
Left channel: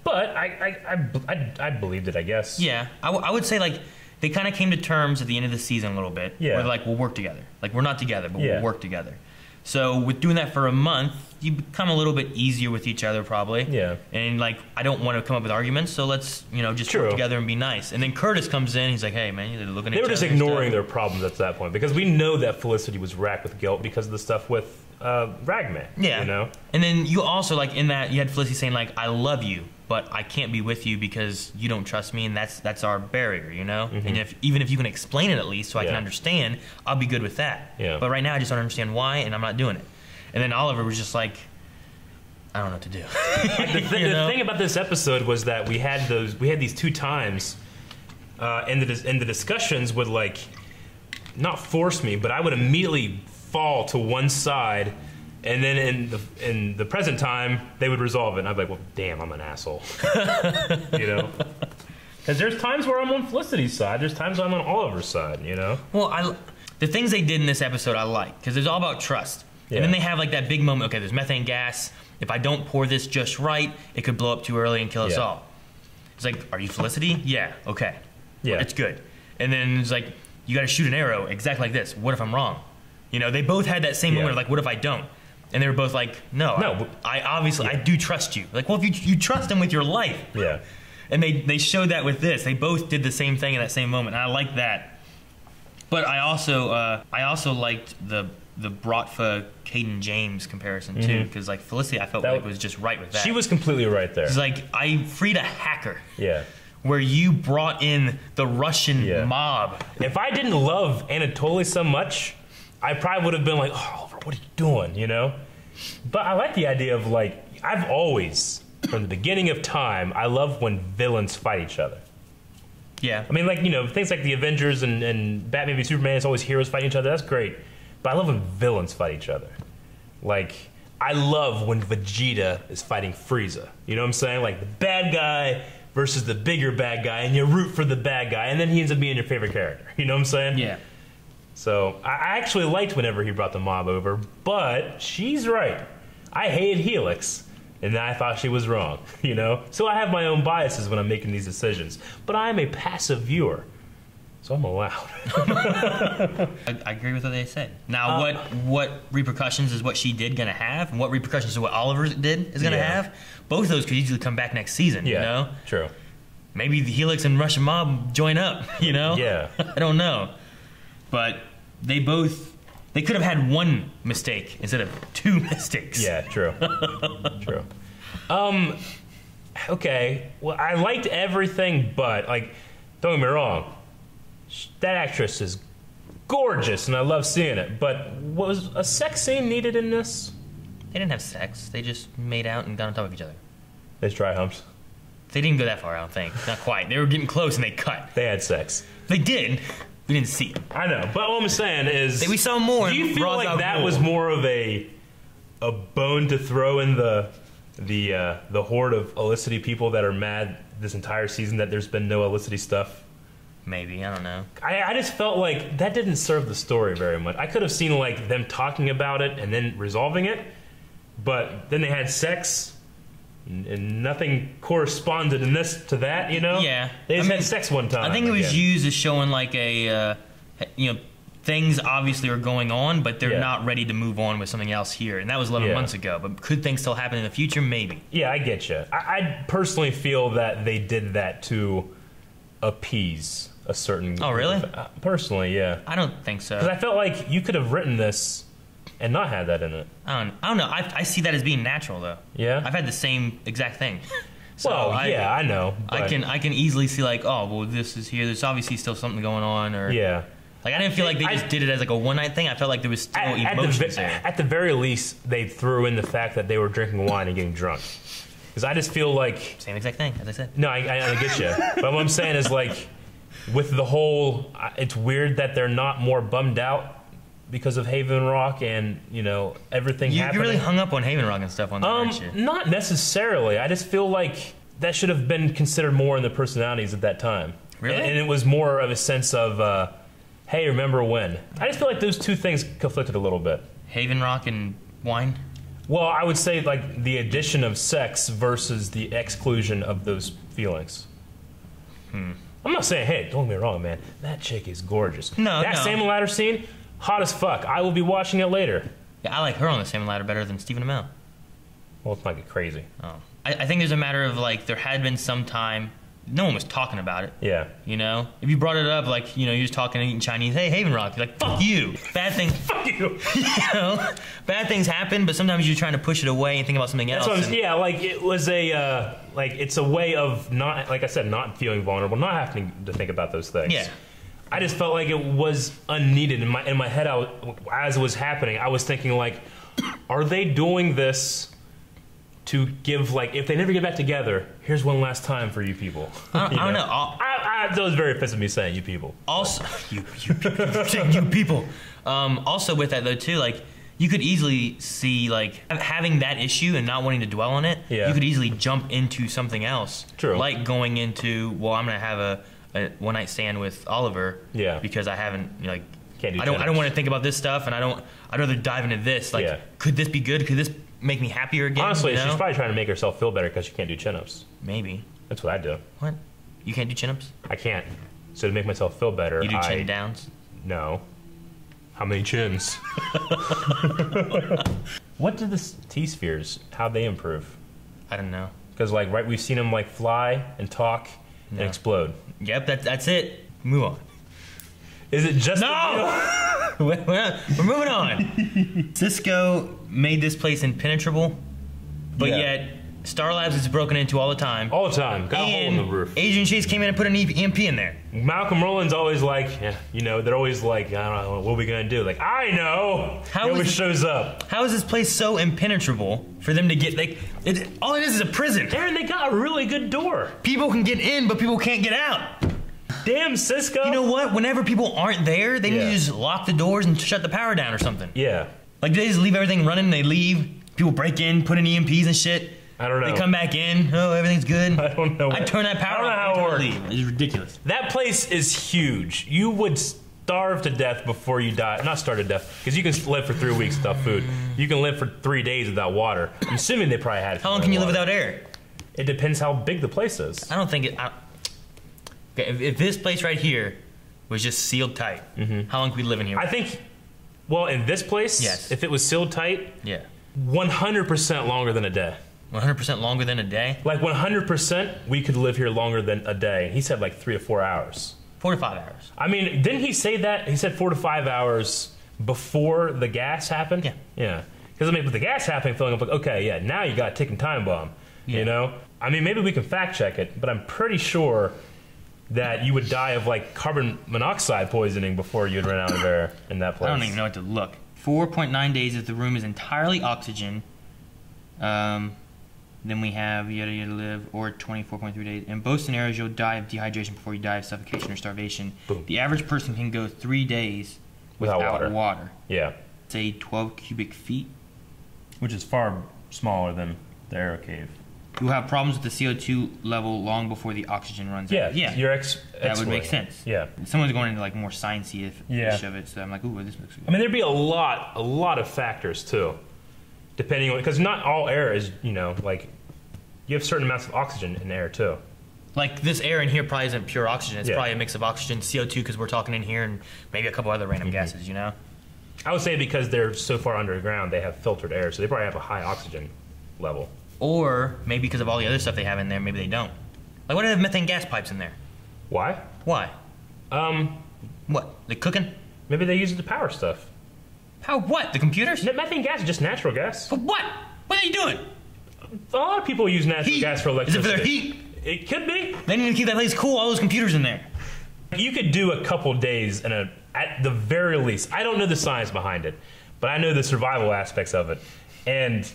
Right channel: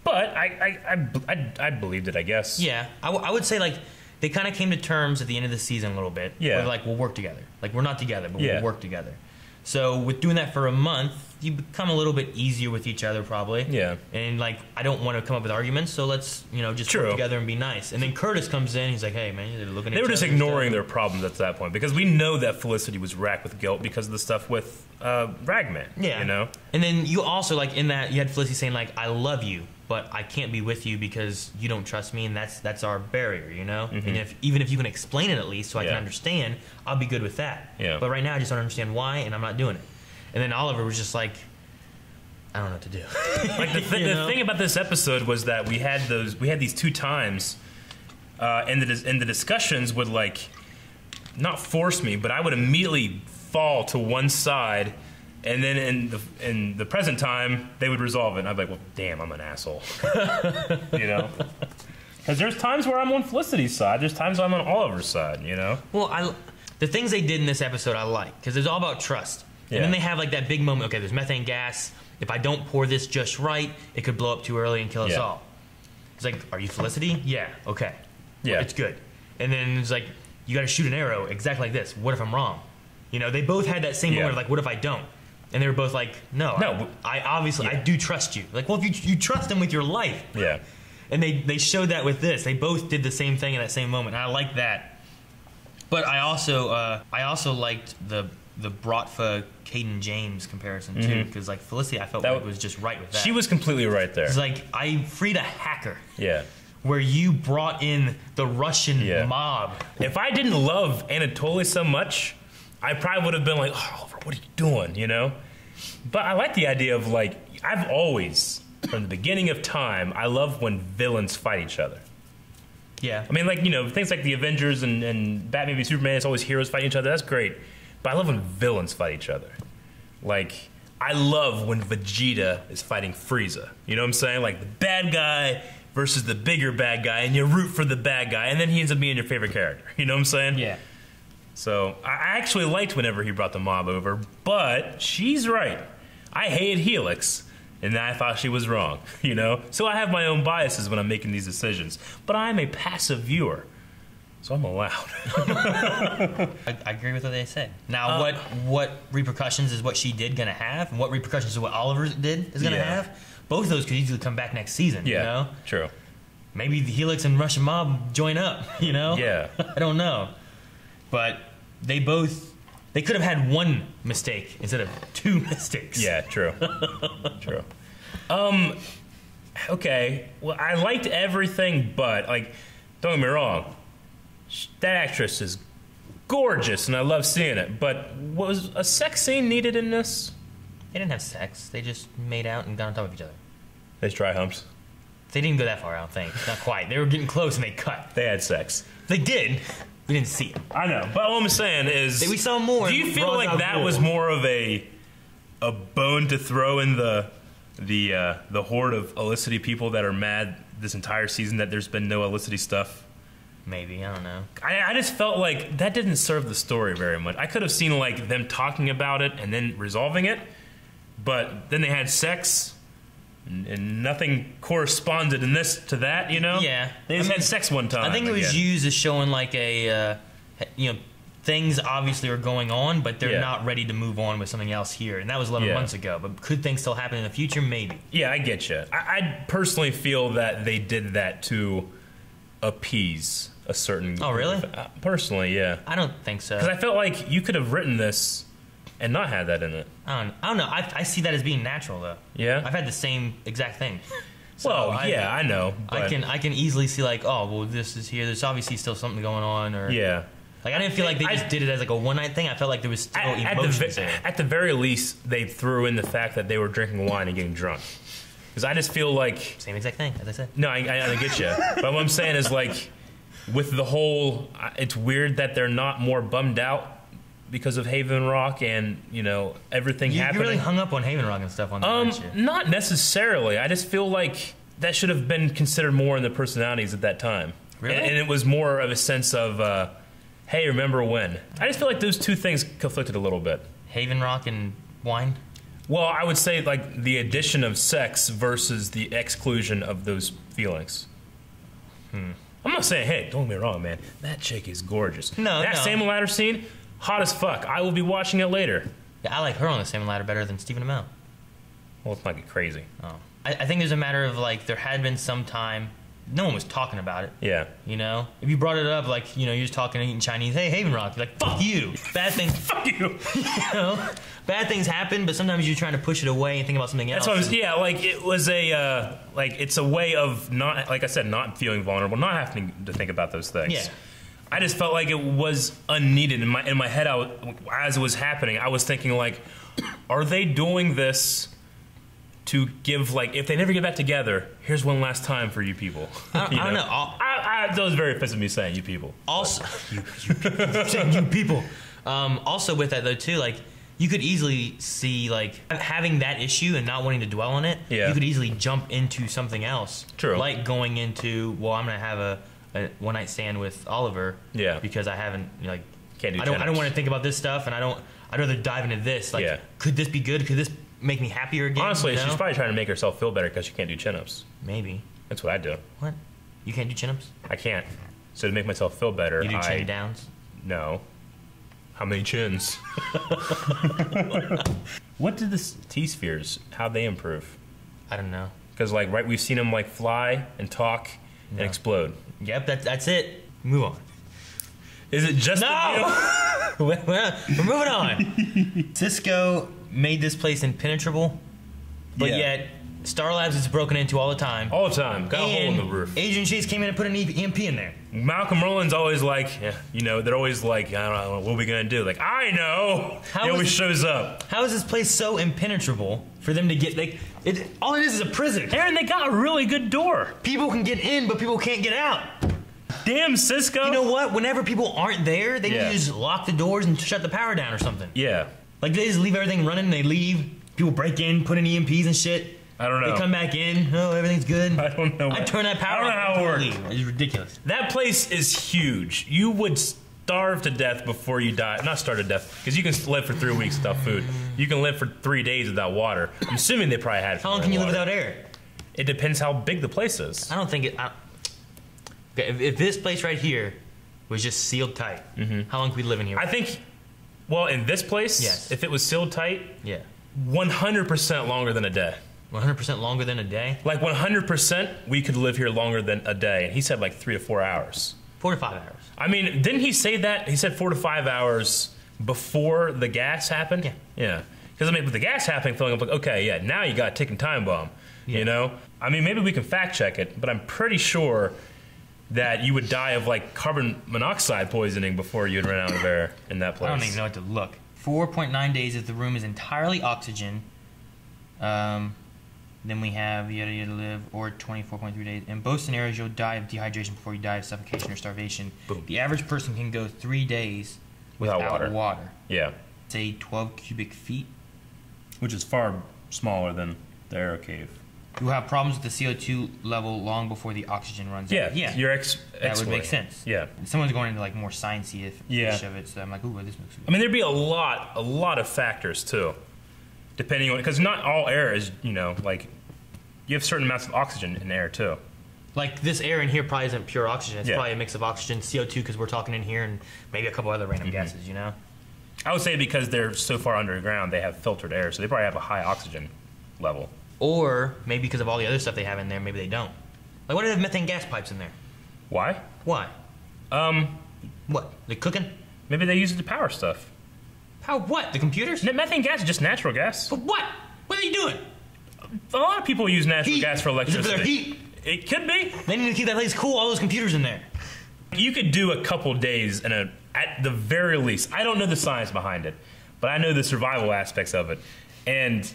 But I believed it, I guess. Yeah, I would say like they kind of came to terms at the end of the season a little bit. Yeah, where like we'll work together. Like we're not together, but we'll work together. So with doing that for a month, you become a little bit easier with each other, probably. Yeah. And like I don't want to come up with arguments, so let's just work together and be nice. And then Curtis comes in, he's like, hey man, they're looking at they were just ignoring their problems at that point because we know that Felicity was racked with guilt because of the stuff with Ragman. Yeah. And then you also like in that you had Felicity saying like I love you, but I can't be with you because you don't trust me, and that's our barrier, Mm-hmm. And even if you can explain it at least, so I can understand, I'll be good with that. Yeah. But right now, I just don't understand why, and I'm not doing it. And then Oliver was just like, I don't know what to do. Like the thing about this episode was that we had these two times, and the discussions would like not force me, but I would immediately fall to one side. And then in the present time, they would resolve it. And I'd be like, well, damn, I'm an asshole. Because there's times where I'm on Felicity's side. There's times where I'm on Oliver's side, Well, the things they did in this episode I like. Because it's all about trust. Yeah. And then they have like that big moment. Okay, there's methane gas. If I don't pour this just right, it could blow up too early and kill us all. It's like, are you Felicity? Yeah, okay. Yeah. It's good. And then it's like, you got to shoot an arrow exactly like this. What if I'm wrong? They both had that same moment of like, what if I don't? And they were both like, no. I obviously, I do trust you. Like, well, if you trust them with your life. Yeah. And they showed that with this. They both did the same thing in that same moment. And I like that. But I also liked the Bratva Caden James comparison too, because like Felicity, I felt like was just right with that. She was completely right there. It's like I freed a hacker. Yeah. Where you brought in the Russian mob. If I didn't love Anatoly so much, I probably would have been like, oh, Oliver, what are you doing? But I like the idea of like I've always, from the beginning of time, I love when villains fight each other. Yeah. I mean, like, things like the Avengers and Batman v Superman, it's always heroes fighting each other. That's great. But I love when villains fight each other. Like, I love when Vegeta is fighting Frieza. You know what I'm saying? Like, the bad guy versus the bigger bad guy, and you root for the bad guy, and then he ends up being your favorite character. You know what I'm saying? Yeah. So, I actually liked whenever he brought the mob over, but she's right. I hated Helix. And I thought she was wrong, So I have my own biases when I'm making these decisions. But I'm a passive viewer, so I'm allowed. I agree with what they said. Now, what repercussions is what she did going to have? And what repercussions is what Oliver did is going to have? Both of those could easily come back next season, True. Maybe the Helix and Russian mob join up, Yeah. I don't know. But they could have had one mistake instead of two mistakes. Yeah, true. True. Okay. Well, I liked everything, but, like, don't get me wrong. That actress is gorgeous, and I love seeing it. But was a sex scene needed in this? They didn't have sex. They just made out and got on top of each other. They dry humps. They didn't go that far, I don't think. Not quite. They were getting close, and they cut. They had sex. They did. We didn't see it. I know, but all I'm saying is... we saw more. Do you feel like that was more of a bone to throw in the horde of Felicity people that are mad this entire season that there's been no Felicity stuff? Maybe, I don't know. I just felt like that didn't serve the story very much. I could have seen like them talking about it and then resolving it, but then they had sex, And nothing corresponded in this to that, you know? Yeah. They just had sex one time. I think it was used as showing like a, things obviously are going on, but they're not ready to move on with something else here. And that was 11 months ago. But could things still happen in the future? Maybe. Yeah, I get you. I personally feel that they did that to appease a certain... Oh, really? Personally, yeah. I don't think so. Because I felt like you could have written this and not had that in it. I don't know. I see that as being natural, though. Yeah? I've had the same exact thing. So I know. But I can easily see like, oh, well, this is here. There's obviously still something going on. Or yeah. Like, I didn't feel like they just did it as like a one-night thing. I felt like there was still emotions there. At the very least, they threw in the fact that they were drinking wine and getting drunk. Because I just feel like... Same exact thing, as I said. No, I get you. But what I'm saying is, like, with the whole... It's weird that they're not more bummed out because of Haven Rock and, everything happening. You really hung up on Haven Rock and stuff on that, aren't you? Not necessarily. I just feel like that should have been considered more in the personalities at that time. Really? And it was more of a sense of... hey, remember when? I just feel like those two things conflicted a little bit. Haven Rock and wine? Well, I would say like the addition of sex versus the exclusion of those feelings. I'm not saying, hey, don't get me wrong, man. That chick is gorgeous. No, that salmon ladder scene, hot as fuck. I will be watching it later. Yeah, I like her on the salmon ladder better than Stephen Amell. Well, it's not get crazy. Oh. I think there's a matter of like there had been some time... No one was talking about it. Yeah. If you brought it up, like, you're just talking and eating Chinese, hey, Haven Rock, you're like, fuck you. Bad things. Fuck you. Bad things happen, but sometimes you're trying to push it away and think about something else. That's what like, it was a, it's a way of not, like I said, not feeling vulnerable, not having to think about those things. Yeah. I just felt like it was unneeded. In my head, as it was happening, I was thinking, like, are they doing this to give, like, if they never get back together, here's one last time for you people. I don't know. That was very offensive me saying you people. Also, you people. Also with that, though, too, like, you could easily see, like, having that issue and not wanting to dwell on it, you could easily jump into something else. True. Like going into, well, I'm going to have a one-night stand with Oliver. Yeah. Because I haven't, like, Can't do I don't want to think about this stuff, and I'd rather dive into this. Like, could this be good? Could this make me happier again? Honestly, she's probably trying to make herself feel better because she can't do chin-ups. Maybe. That's what I do. What? You can't do chin-ups? I can't. So to make myself feel better, you do chin downs? No. How many chins? What did the T-spheres, how'd they improve? I don't know. Because, like, right, we've seen them, like, fly and talk and explode. Yep, that's it. Move on. Is it just We're moving on. Cisco made this place impenetrable, but yet Star Labs is broken into all the time. All the time. Got a hole in the roof. Agent Chase came in and put an EMP in there. Malcolm Rowland's always like, they're always like, I don't know, what are we going to do? Like, I know. He always shows up. How is this place so impenetrable for them to get, like, all it is a prison. Aaron, they got a really good door. People can get in, but people can't get out. Damn, Cisco. You know what? Whenever people aren't there, they need to just lock the doors and shut the power down or something. Yeah. Like, they just leave everything running, and they leave. People break in, put in EMPs and shit. I don't know. They come back in. Oh, everything's good. I don't know. I turn that power off. I don't know how it works. It's ridiculous. That place is huge. You would starve to death before you die. Not starve to death, because you can live for 3 weeks without food. You can live for 3 days without water. I'm assuming they probably had. How long can you live without air? It depends how big the place is. I don't think it. If this place right here was just sealed tight, how long could we live in here? I think, well, in this place, yes. If it was sealed tight, 100% longer than a day. 100% longer than a day? Like 100%, we could live here longer than a day. He said like 3 to 4 hours. 4 to 5 hours. I mean, didn't he say that? He said 4 to 5 hours before the gas happened? Yeah. Yeah. Because, I mean, with the gas happening, feeling like, okay, yeah, now you got a ticking time bomb. Yeah. You know? I mean, maybe we can fact check it, but I'm pretty sure that you would die of, like, carbon monoxide poisoning before you'd run out of air in that place. I don't even know what to look. 4.9 days if the room is entirely oxygen. Then we have yada yada live, or 24.3 days. In both scenarios, you'll die of dehydration before you die of suffocation or starvation. Boom. The average person can go 3 days without water. Yeah. Say 12 cubic feet. Which is far smaller than the aero cave. You'll have problems with the CO2 level long before the oxygen runs out. Yeah. That would make sense. Yeah. Someone's going into like more sciencey ish of it, so I'm like, ooh, this looks good. I mean, there'd be a lot of factors too, depending on, because not all air is, you know, like you have certain amounts of oxygen in the air too. Like this air in here probably isn't pure oxygen. It's Yeah. probably a mix of oxygen, CO2 because we're talking in here, and maybe a couple other random gases. You know. I would say because they're so far underground, they have filtered air, so they probably have a high oxygen level. Or maybe because of all the other stuff they have in there, maybe they don't. Like, why do they have methane gas pipes in there? Why? Why? What? They cooking? Maybe they use it to power stuff. Power what? The computers? Methane gas is just natural gas. But what? What are you doing? A lot of people use natural gas for electricity. Is it for their heat? It could be. They need to keep that place cool. All those computers in there. You could do a couple days at the very least. I don't know the science behind it, but I know the survival aspects of it. And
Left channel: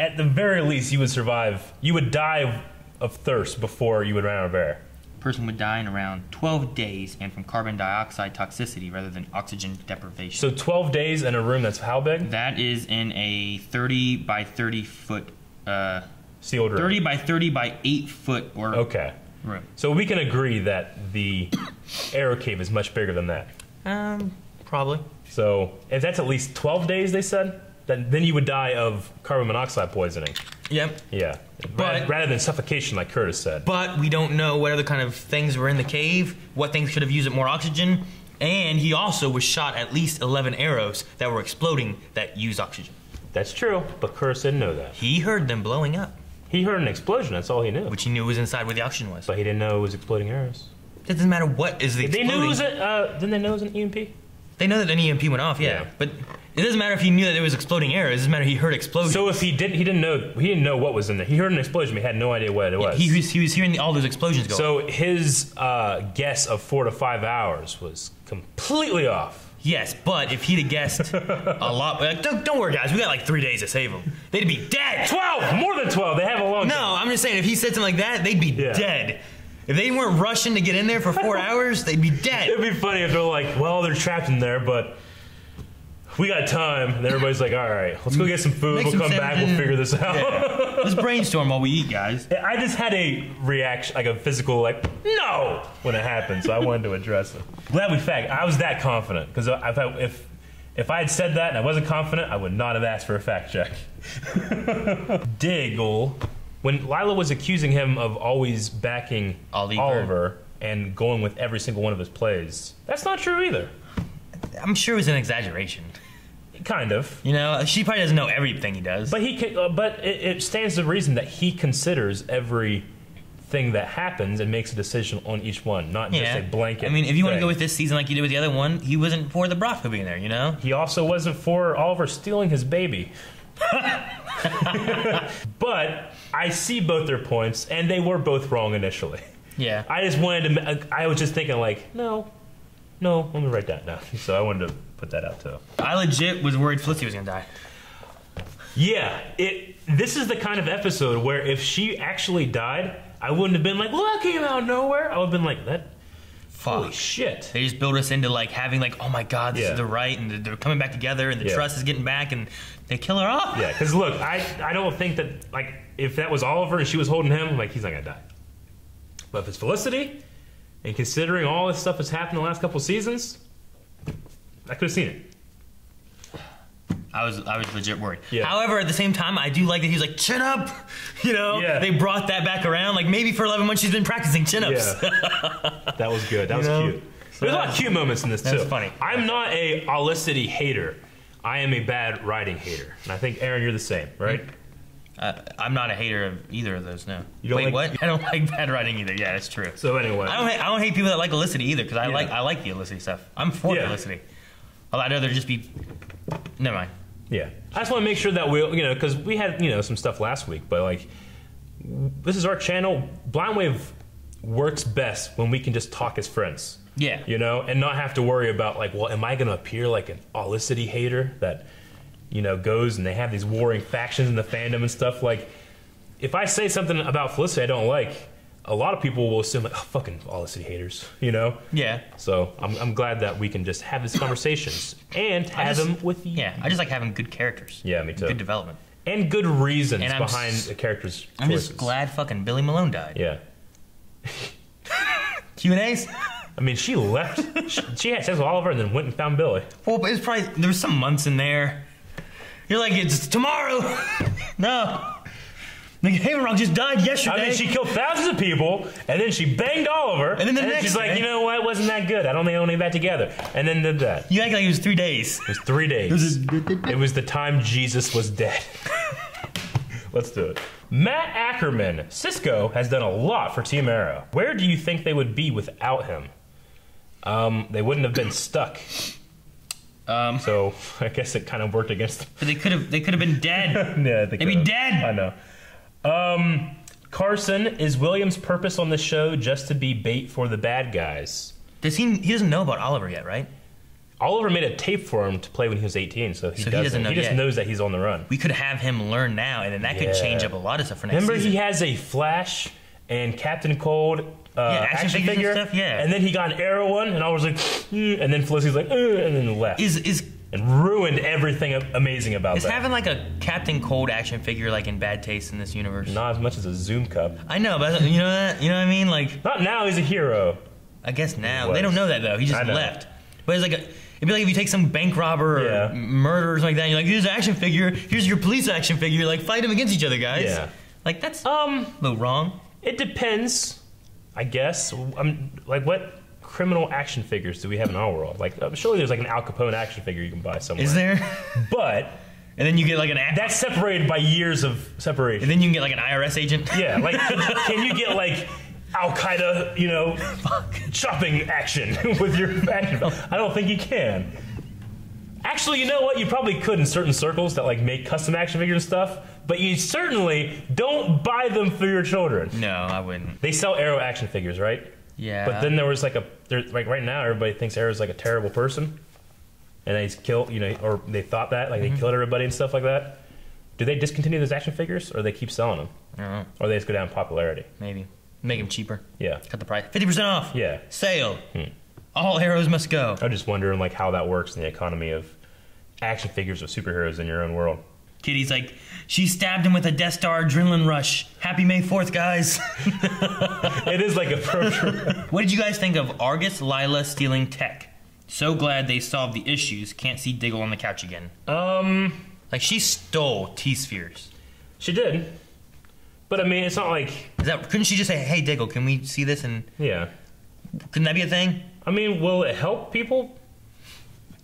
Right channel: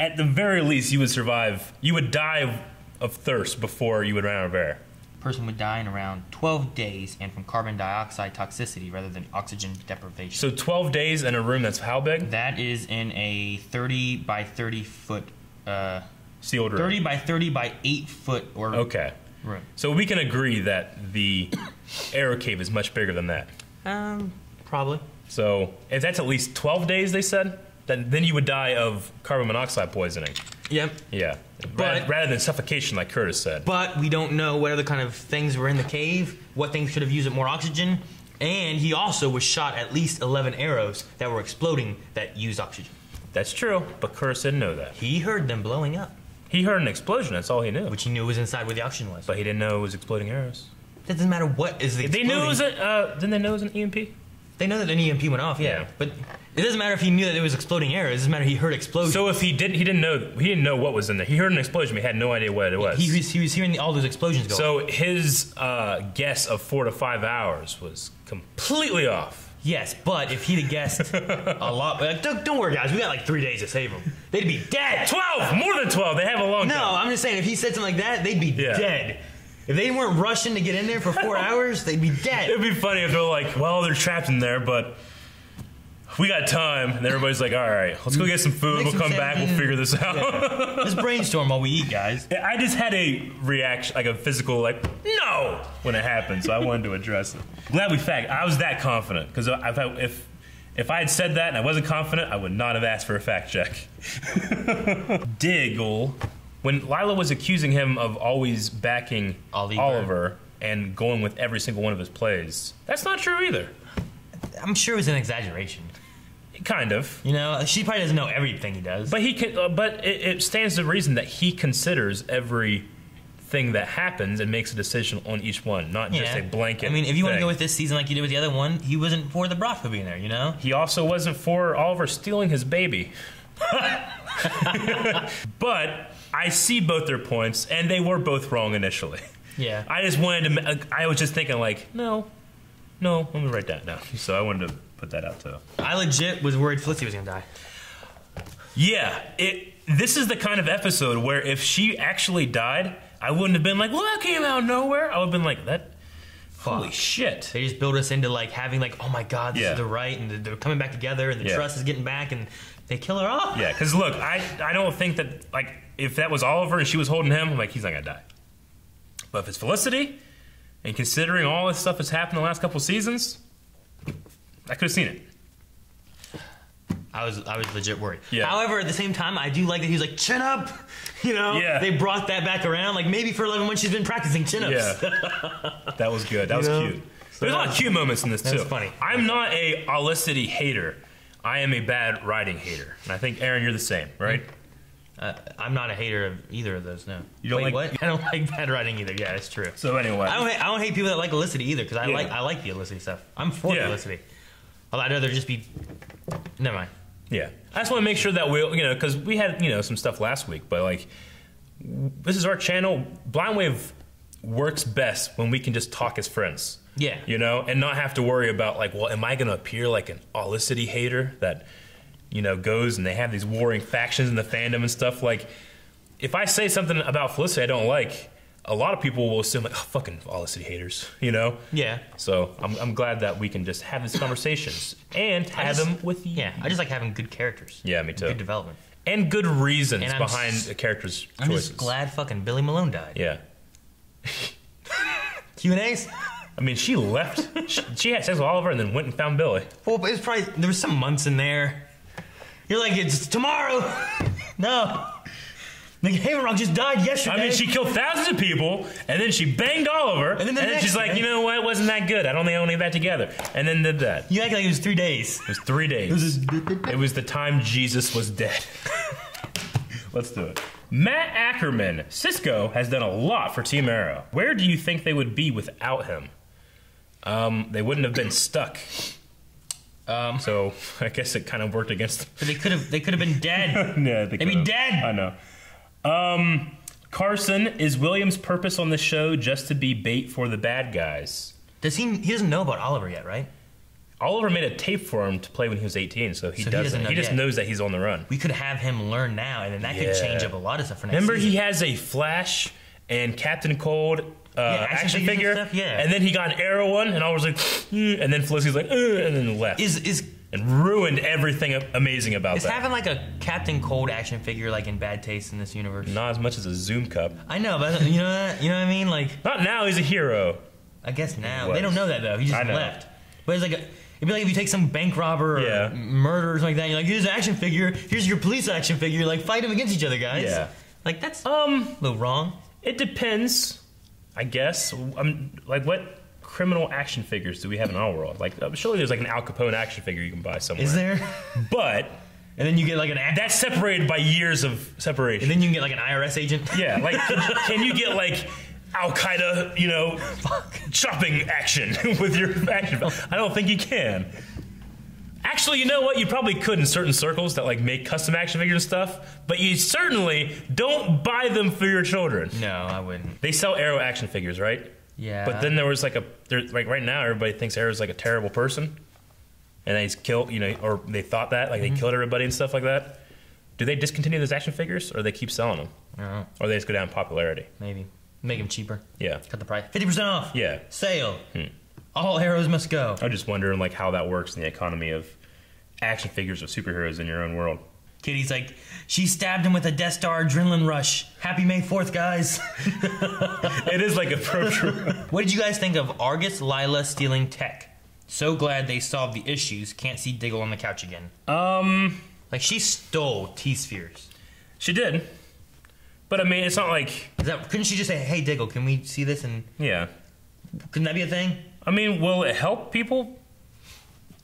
at the very least, you would survive. You would die of thirst before you would run out of air. Person would die in around 12 days and from carbon dioxide toxicity rather than oxygen deprivation. So 12 days in a room that's how big? That is in a 30 by 30 foot sealed room. 30 by 30 by 8 foot or okay. room. So we can agree that the aero cave is much bigger than that. Probably. So if that's at least 12 days, they said, then you would die of carbon monoxide poisoning. Yep. Yeah. Rather than suffocation, like Curtis said. But we don't know what other kind of things were in the cave, what things could have used more oxygen, and he also was shot at least 11 arrows that were exploding that used oxygen. That's true, but Curtis didn't know that. He heard them blowing up. He heard an explosion, that's all he knew. Which he knew was inside where the oxygen was. But he didn't know it was exploding arrows. It doesn't matter what is the exploding. They knew it was didn't they know it was an EMP? They know that an EMP went off, yeah. But it doesn't matter if he knew that it was exploding arrows. It doesn't matter if he heard explosions. So if he didn't know what was in there. He heard an explosion, but he had no idea what it was. He was hearing all those explosions go. So his guess of 4 to 5 hours was completely off. Yes, but if he'd have guessed a lot, like, don't worry, guys. We got like 3 days to save them. They'd be dead. 12, more than 12. They have a long time. No, I'm just saying if he said something like that, they'd be dead. If they weren't rushing to get in there for 4 hours, they'd be dead. It'd be funny if they're like, well, they're trapped in there, but we got time. And everybody's like, all right, let's go get some food. We'll come back. We'll figure this out. Yeah. Let's brainstorm while we eat, guys. I just had a reaction, like a physical, like, no, when it happened. So I wanted to address it. Glad we fact. I was that confident. Because if I had said that and I wasn't confident, I would not have asked for a fact check. Diggle. When Lyla was accusing him of always backing Oliver and going with every single one of his plays, that's not true either. I'm sure it was an exaggeration. Kind of. You know, she probably doesn't know everything he does. But it stands to reason that he considers everything that happens and makes a decision on each one, not just a blanket. I mean, if you want to go with this season like you did with the other one, he wasn't for the brothel being there, you know? He also wasn't for Oliver stealing his baby. But I see both their points, and they were both wrong initially. Yeah. I was just thinking, like, no, let me write that down. So I wanted to put that out, too. I legit was worried Felicity was going to die. Yeah. This is the kind of episode where if she actually died, I wouldn't have been like, well, that came out of nowhere. I would have been like, holy shit. They just build us into, like, having, like, oh, my God, this is the right, and they're coming back together, and the trust is getting back, and they kill her off. Yeah, because, look, I don't think that, like, if that was Oliver and she was holding him, I'm like, he's not going to die. But if it's Felicity, and considering all this stuff that's happened in the last couple seasons, I could have seen it. I was legit worried. Yeah. However, at the same time, I do like that he was like, chin up! You know? Yeah. They brought that back around. Like, maybe for 11 months she's been practicing chin-ups. Yeah. That was good. That was cute. There's a lot of cute moments in this, too. That's funny. I'm not a Felicity hater. I am a bad writing hater. And I think, Aaron, you're the same, right? I'm not a hater of either of those, no. You don't what? I don't like bad writing either. Yeah, that's true. So anyway. I don't hate people that like Felicity either, because I like the Felicity stuff. I'm for Felicity. I'd rather just be... Never mind. Yeah. I just want to make sure that because we had, some stuff last week, but, like, this is our channel. Blind Wave works best when we can just talk as friends. Yeah. And not have to worry about, like, well, am I going to appear like an Felicity hater that, goes and they have these warring factions in the fandom and stuff. Like, if I say something about Felicity I don't like, a lot of people will assume, like, oh, fucking Felicity haters, Yeah. So I'm glad that we can just have these conversations and have them with you. Yeah, I just like having good characters. Yeah, me too. Good development. And good reasons behind the characters' choices. I'm just glad fucking Billy Malone died. Yeah. Q&As? I mean, she left. She had sex with Oliver and then went and found Billy. Well, but it's probably... There was some months in there. You're like, it's tomorrow. No. Like, Hammerlock just died yesterday. I mean, she killed thousands of people, and then she banged Oliver, and then she's like, you know what, wasn't that good. I don't think I want to get back together. And then did that. You act like it was 3 days. It was 3 days. It was the time Jesus was dead. Let's do it. Matt Ackerman. Cisco has done a lot for Team Arrow. Where do you think they would be without him? They wouldn't have been stuck. So I guess it kind of worked against them. But they could have been dead. Yeah, they'd be dead. I know. Carson, is William's purpose on the show just to be bait for the bad guys? He doesn't know about Oliver yet, right? Oliver made a tape for him to play when he was 18, so he doesn't know. He just knows that he's on the run. We could have him learn now, and then that could change up a lot of stuff for next season. season. He has a Flash and Captain Cold action figure, and stuff, and then he got an Arrow one, and I was like, and then Felicity's like, and then left. And ruined everything amazing about that. Is having like a Captain Cold action figure like in bad taste in this universe? Not as much as a Zoom cup. I know, but you know what I mean? Like, not now. He's a hero. I guess now they don't know that though. He just left. But it's like it'd be like if you take some bank robber or murder or something like that. You're like, here's an action figure. Here's your police action figure. Like, fight them against each other, guys. Yeah. Like that's a little wrong. It depends, I guess. Like what criminal action figures do we have in our world? Like, surely there's like an Al Capone action figure you can buy somewhere. Is there? But and then you get like an that's separated by years of separation. And then you can get like an IRS agent. Yeah, like can you get like Al Qaeda, shopping action with your action? I don't think you can. Actually, you know what? You probably could in certain circles that like make custom action figures and stuff, but you certainly don't buy them for your children. No, I wouldn't. They sell Arrow action figures, right? Yeah. But then there was like right now everybody thinks Arrow's like a terrible person, and he's killed, or they thought that they killed everybody and stuff like that. Do they discontinue those action figures, or they keep selling them? I don't know. Or they just go down in popularity? Maybe make them cheaper. Yeah. Cut the price. 50% off. Yeah. Sale. All arrows must go. I'm just wondering like how that works in the economy of action figures of superheroes in your own world. Kitty's like, she stabbed him with a Death Star adrenaline rush. Happy May 4th, guys. It is like appropriate. What did you guys think of Argus Lyla stealing tech? So glad they solved the issues. Can't see Diggle on the couch again. Like, she stole T-Spheres. She did. But I mean, it's not like... Couldn't she just say, hey, Diggle, can we see this? And yeah. Couldn't that be a thing? I mean, will it help people?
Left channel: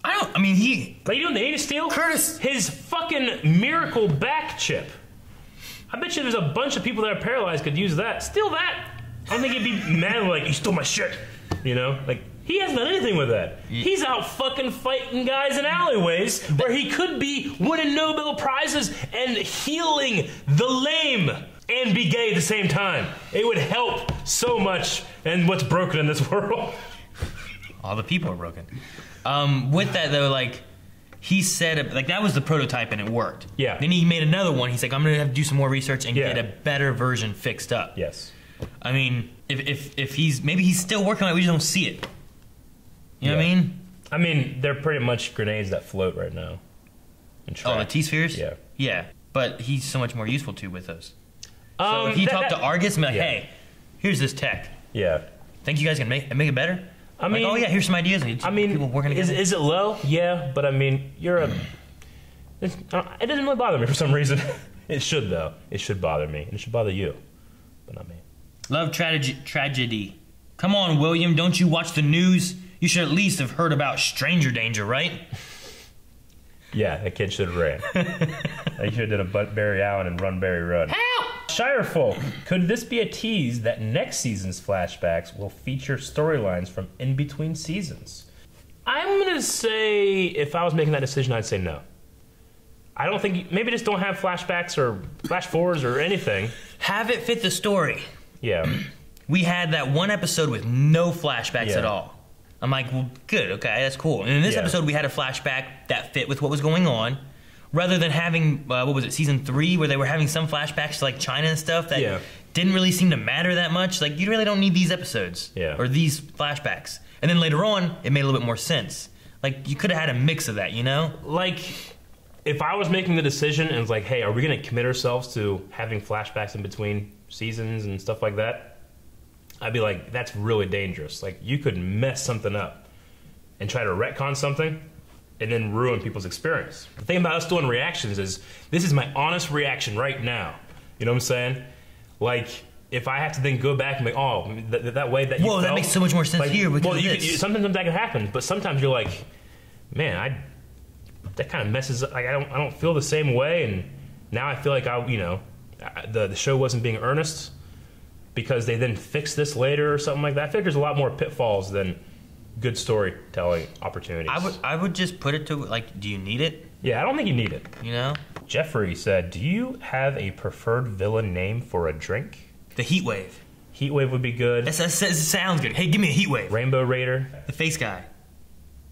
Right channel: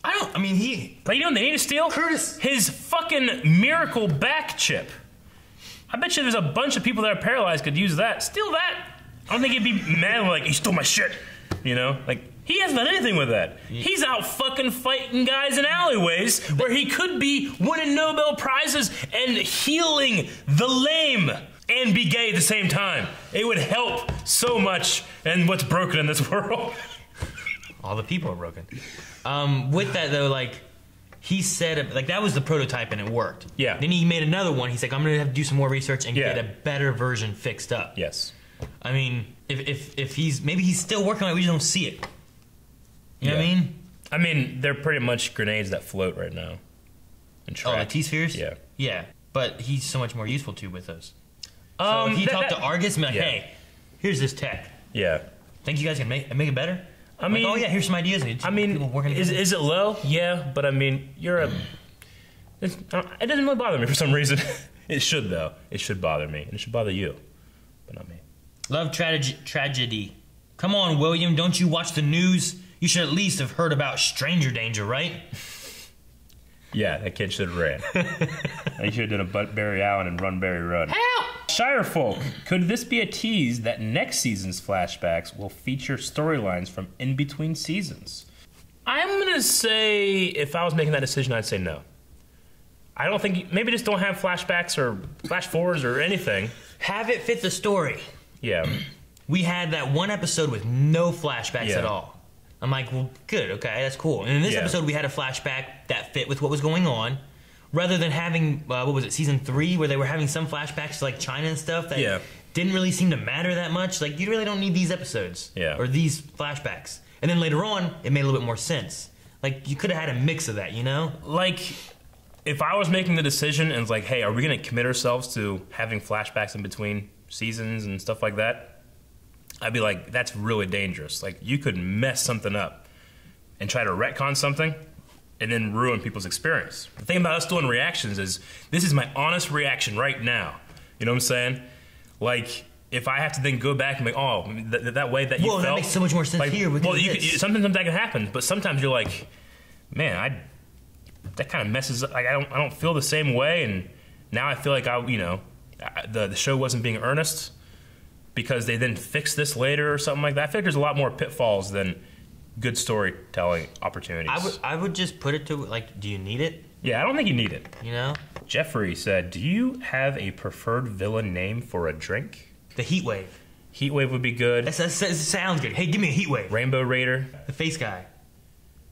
But you know what they need to steal? Curtis. His fucking miracle back chip. I bet you there's a bunch of people that are paralyzed could use that. Steal that. I don't think he'd be mad like, you stole my shit. Like, he hasn't done anything with that. He's out fucking fighting guys in alleyways where he could be winning Nobel Prizes and healing the lame and be gay at the same time. It would help so much in what's broken in this world. All the people are broken. With that though, like he said, like that was the prototype and it worked. Yeah. Then he made another one. He's like, I'm gonna have to do some more research and get a better version fixed up. Yes. I mean, if he's still working on it, we just don't see it. You know what I mean? I mean, they're pretty much grenades that float right now. Oh, the T-Spheres? Yeah. Yeah, but he's so much more useful too with those. So if he talked to Argus and be like, hey, here's this tech. Yeah. Think you guys can make it better? I mean, oh yeah, here's some ideas. I mean, people working together. Is it low? Yeah, but I mean, it doesn't really bother me for some reason. It should though. It should bother me, and it should bother you, but not me. Love tragedy. Come on, William, don't you watch the news? You should at least have heard about stranger danger, right? Yeah, that kid should have ran. They should have done a Barry Allen and Run Barry Run. Help! Shirefolk, could this be a tease that next season's flashbacks will feature storylines from in between seasons? I'm gonna say, if I was making that decision, I'd say no. I don't think, maybe just don't have flashbacks or flash forwards or anything. Have it fit the story. Yeah. We had that one episode with no flashbacks at all. I'm like, well, good, okay, that's cool. And in this episode, we had a flashback that fit with what was going on, rather than having, what was it, season 3, where they were having some flashbacks to like China and stuff that didn't really seem to matter that much. Like, you really don't need these episodes or these flashbacks. And then later on, it made a little bit more sense. Like, you could have had a mix of that, you know? Like, if I was making the decision and it's like, hey, are we going to commit ourselves to having flashbacks in between seasons and stuff like that? I'd be like, that's really dangerous. Like, you could mess something up and try to retcon something and then ruin people's experience. The thing about us doing reactions is, this is my honest reaction right now. You know what I'm saying? Like, if I have to then go back and be, oh, that way that you felt... that makes so much more sense here. Sometimes that can happen, but sometimes you're like, man, that kind of messes up. Like, I don't feel the same way, and now I feel like the show wasn't being earnest because they then fixed this later or something like that. I think there's a lot more pitfalls than good storytelling opportunities. I would just put it to, like, do you need it? Yeah, I don't think you need it. You know? Jeffrey said, do you have a preferred villain name for a drink? The Heatwave. Heatwave would be good. That sounds good. Hey, give me a Heatwave. Rainbow Raider. The face guy.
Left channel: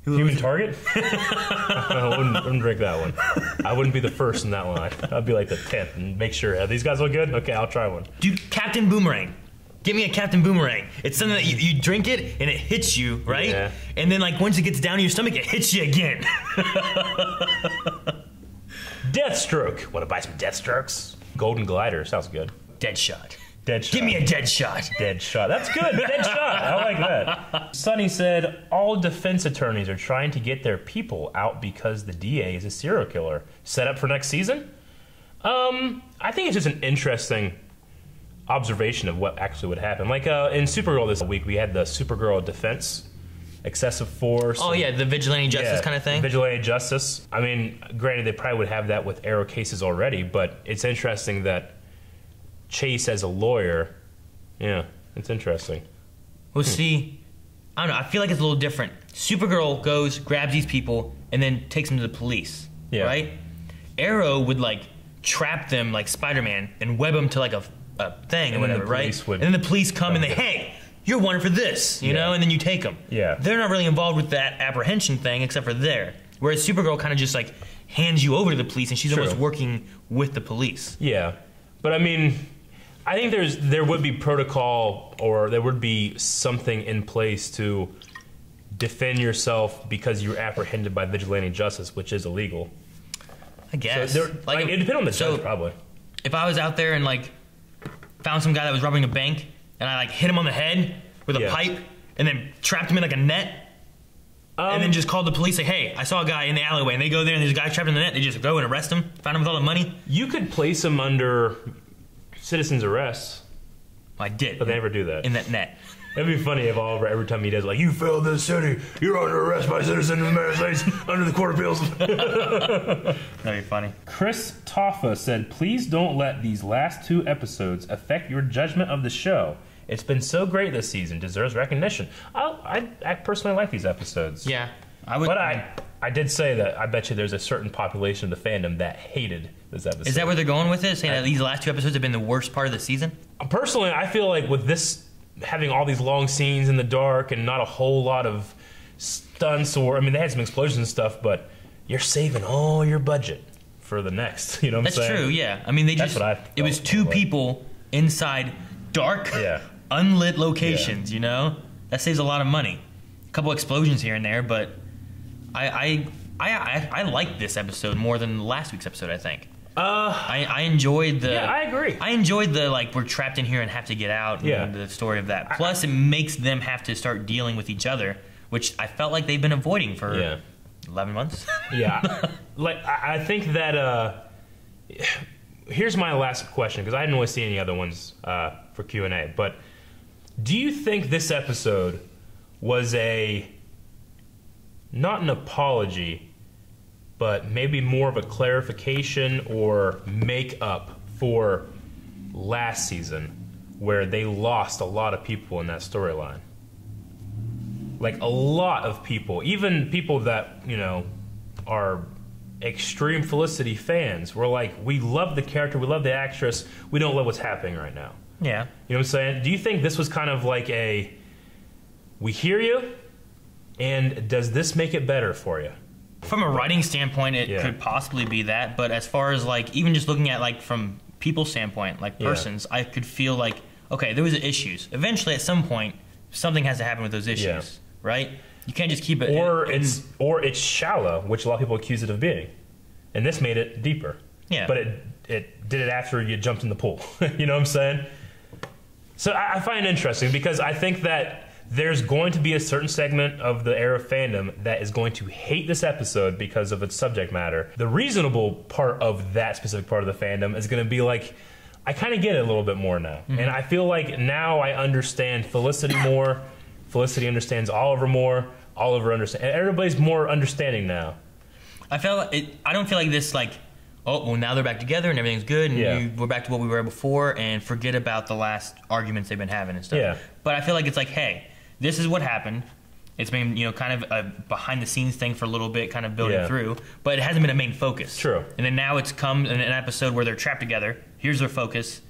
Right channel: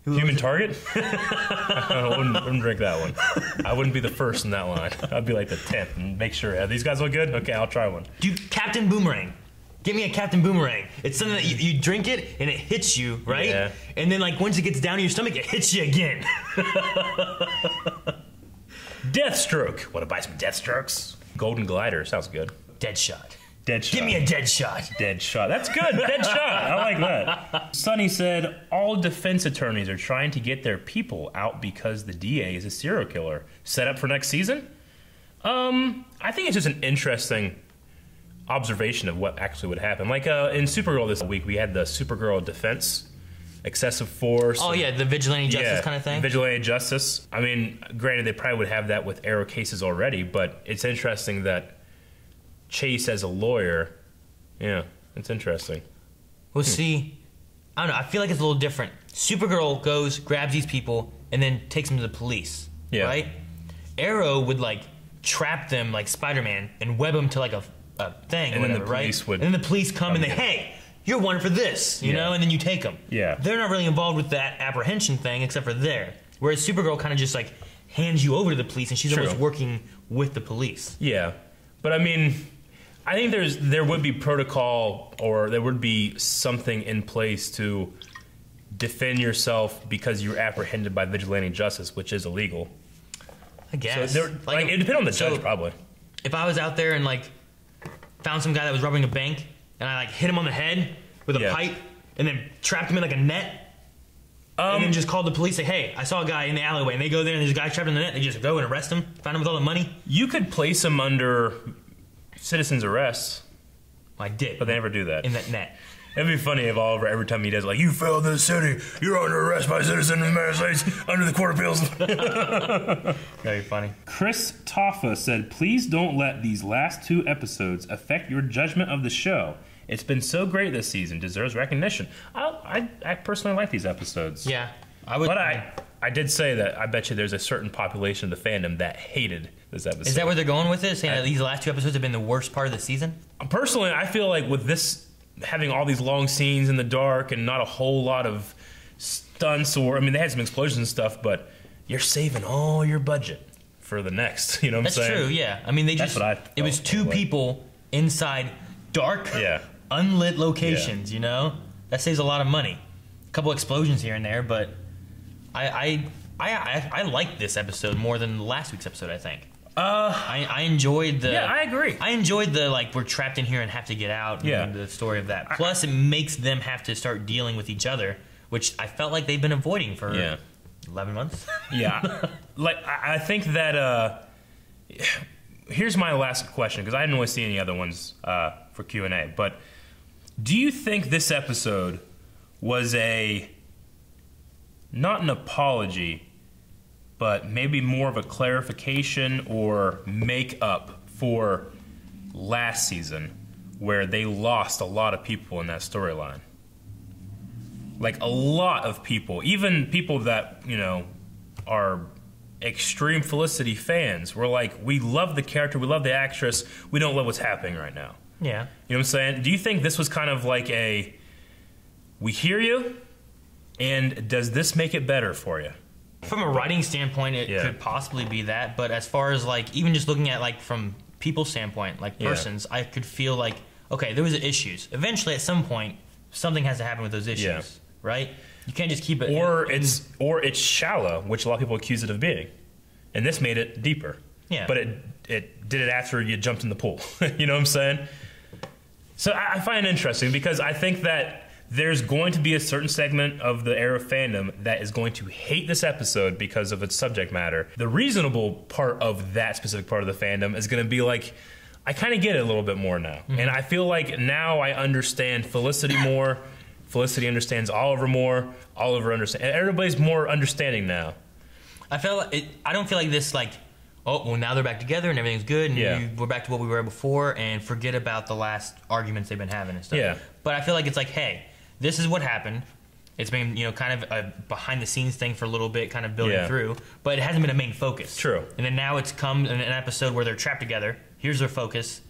Human Target? I wouldn't drink that one. I wouldn't be the first in that line. I'd be like the 10th and make sure, these guys look good? Okay, I'll try one. Dude, Captain Boomerang. Give me a Captain Boomerang. It's something that you drink it and it hits you, right? Yeah. And then, like, once it gets down to your stomach, it hits you again. Deathstroke. Want to buy some Deathstrokes? Golden Glider. Sounds good. Deadshot. Deadshot. Give me a Deadshot. Deadshot. That's good. Deadshot. I like that. Sonny said, all defense attorneys are trying to get their people out because the DA is a serial killer. Set up for next season? I think it's just an interesting observation of what actually would happen. Like in Supergirl this week, we had the Supergirl defense, excessive force. Oh, yeah, the vigilante justice kind of thing. Vigilante justice. I mean, granted, they probably would have that with Arrow cases already, but it's interesting that Chase as a lawyer, yeah, it's interesting. Well, see, I don't know. I feel like it's a little different. Supergirl goes, grabs these people, and then takes them to the police, right? Arrow would, like, trap them like Spider-Man and web them to, like, a thing, and or whatever, right? And then the police come and they, hey, you're wanted for this, you know, and then you take them. Yeah. They're not really involved with that apprehension thing except for there. Whereas Supergirl kind of just, like, hands you over to the police, and she's almost working with the police. Yeah. But, I mean, I think there would be protocol, or there would be something in place to defend yourself because you're apprehended by vigilante justice, which is illegal. I guess. So like, it depends on the judge, probably. If I was out there and, like, found some guy that was robbing a bank, and I, like, hit him on the head with a pipe, and then trapped him in, like, a net, and then just called the police, like, hey, I saw a guy in the alleyway, and they go there, and there's a guy trapped in the net, they just go and arrest him, found him with all the money. You could place him under citizen's arrest. Well, I did. But they never do that. In that net. It'd be funny if Oliver, every time he does, like, you failed this city, you're under arrest by citizens of the United States under the Court of Appeals. That'd be funny. Chris Toffa said, please don't let these last 2 episodes affect your judgment of the show. It's been so great this season. Deserves recognition. I personally like these episodes. Yeah. I would. But I did say that I bet you there's a certain population of the fandom that hated this episode. Is that where they're going with this? Saying that these last 2 episodes have been the worst part of the season? Personally, I feel like with this having all these long scenes in the dark and not a whole lot of stunts, or I mean, they had some explosions and stuff, but you're saving all your budget for the next. You know what I'm saying? That's true. Yeah. I mean, it was 2 people inside dark, unlit locations. You know, that saves a lot of money. A couple explosions here and there, but I liked this episode more than last week's episode, I think. I enjoyed the... Yeah, I agree. I enjoyed the, like, we're trapped in here and have to get out, and the story of that. Plus, it makes them have to start dealing with each other, which I felt like they've been avoiding for 11 months. Yeah. Like, I think that... here's my last question, because I didn't really see any other ones for Q&A, but do you think this episode was not an apology, but maybe more of a clarification or make up for last season, where they lost a lot of people in that storyline? Like, a lot of people, even people that, you know, are extreme Felicity fans, were like, we love the character, we love the actress, we don't love what's happening right now. Yeah. You know what I'm saying? Do you think this was kind of like we hear you, and does this make it better for you? From a writing standpoint, it could possibly be that, but as far as, like, even just looking at, like, from people's standpoint, like persons, I could feel like, okay, there was issues. Eventually, at some point, something has to happen with those issues, right? You can't just keep it... Or it's shallow, which a lot of people accuse it of being. And this made it deeper. Yeah. But it did it after you jumped in the pool. You know what I'm saying? So I find it interesting, because I think that there's going to be a certain segment of the Arrow fandom that is going to hate this episode because of its subject matter. The reasonable part of that specific part of the fandom is going to be like, I kind of get it a little bit more now. And I feel like now I understand Felicity more. Felicity understands Oliver more. Oliver understands. Everybody's more understanding now. I don't feel like this, like, oh, well, now they're back together and everything's good and we're back to what we were before and forget about the last arguments they've been having and stuff. Yeah. But I feel like it's like, hey, this is what happened. It's been, kind of a behind-the-scenes thing for a little bit, kind of building through, but it hasn't been a main focus. True. And then now it's come in an episode where they're trapped together. Here's their focus.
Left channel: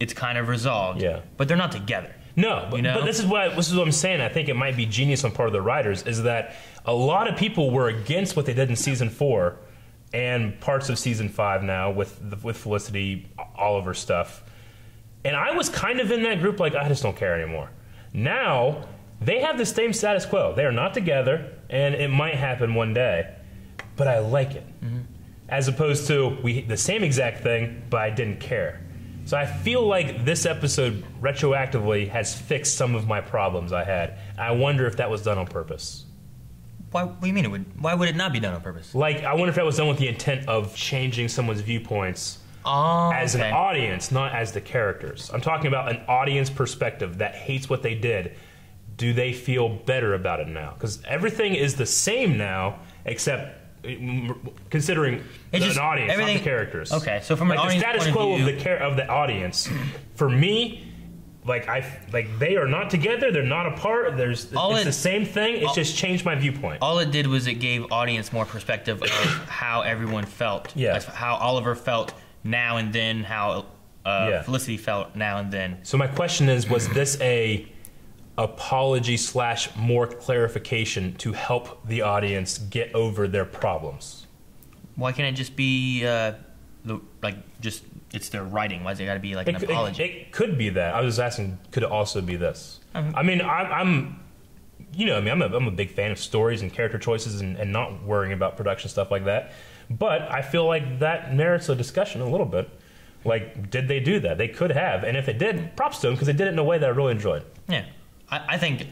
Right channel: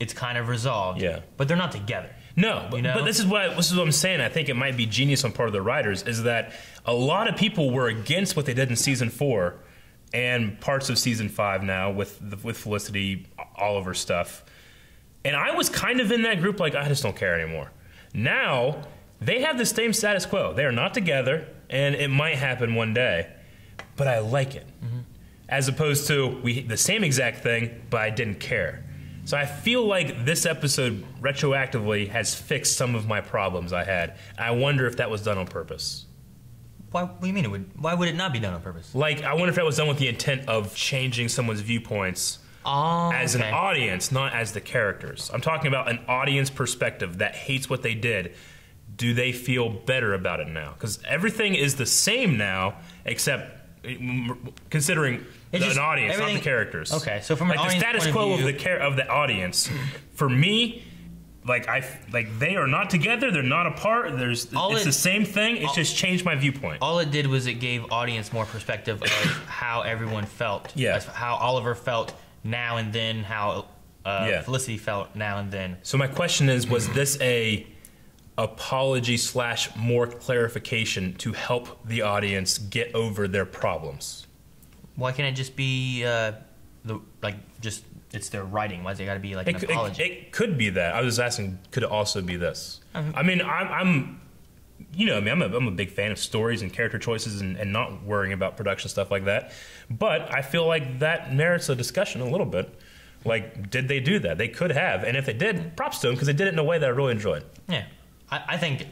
It's kind of resolved. Yeah. But they're not together. No, but this is what I'm saying. I think it might be genius on part of the writers, is that a lot of people were against what they did in Season 4 and parts of Season 5 now with Felicity, Oliver stuff. And I was kind of in that group, like, I just don't care anymore. Now, they have the same status quo. They are not together, and it might happen one day, but I like it. As opposed to the same exact thing, but I didn't care. So I feel like this episode retroactively has fixed some of my problems I had. I wonder if that was done on purpose. What do you mean? Why would it not be done on purpose? Like, I wonder if that was done with the intent of changing someone's viewpoints as an audience, not as the characters. I'm talking about an audience perspective that hates what they did. Do they feel better about it now? Because everything is the same now, except considering an audience, not the characters. Okay, so from an the audience status point quo of view, of the audience, for me, like they are not together. They're not apart. It's the same thing. It's just changed my viewpoint. All it did was it gave audience more perspective of how everyone felt. Yeah, how Oliver felt now and then. How Felicity felt now and then. So my question is: was this a apology / more clarification to help the audience get over their problems? Why can't it just be it's their writing? Why does it got to be like an apology? It could be that. I was asking, could it also be this? I mean, I'm a big fan of stories and character choices and not worrying about production stuff like that. But I feel like that merits a discussion a little bit. Like, did they do that? They could have, and if they did, props to them because they did it in a way that I really enjoyed. Yeah, I think.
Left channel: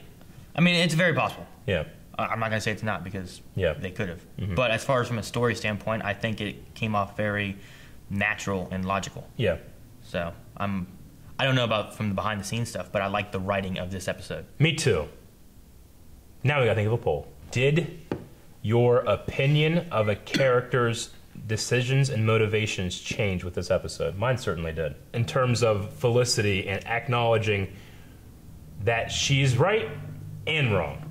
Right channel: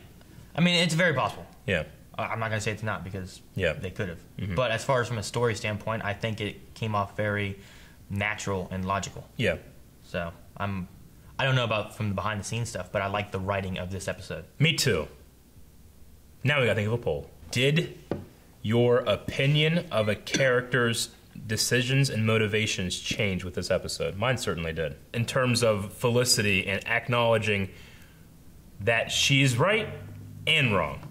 I mean, it's very possible. Yeah. I'm not going to say it's not because they could have. But as far as from a story standpoint, I think it came off very natural and logical. Yeah. So I don't know about from the behind the scenes stuff, but I like the writing of this episode. Me too. Now we got to think of a poll. Did your opinion of a character's decisions and motivations change with this episode? Mine certainly did. In terms of Felicity and acknowledging that she's right and wrong,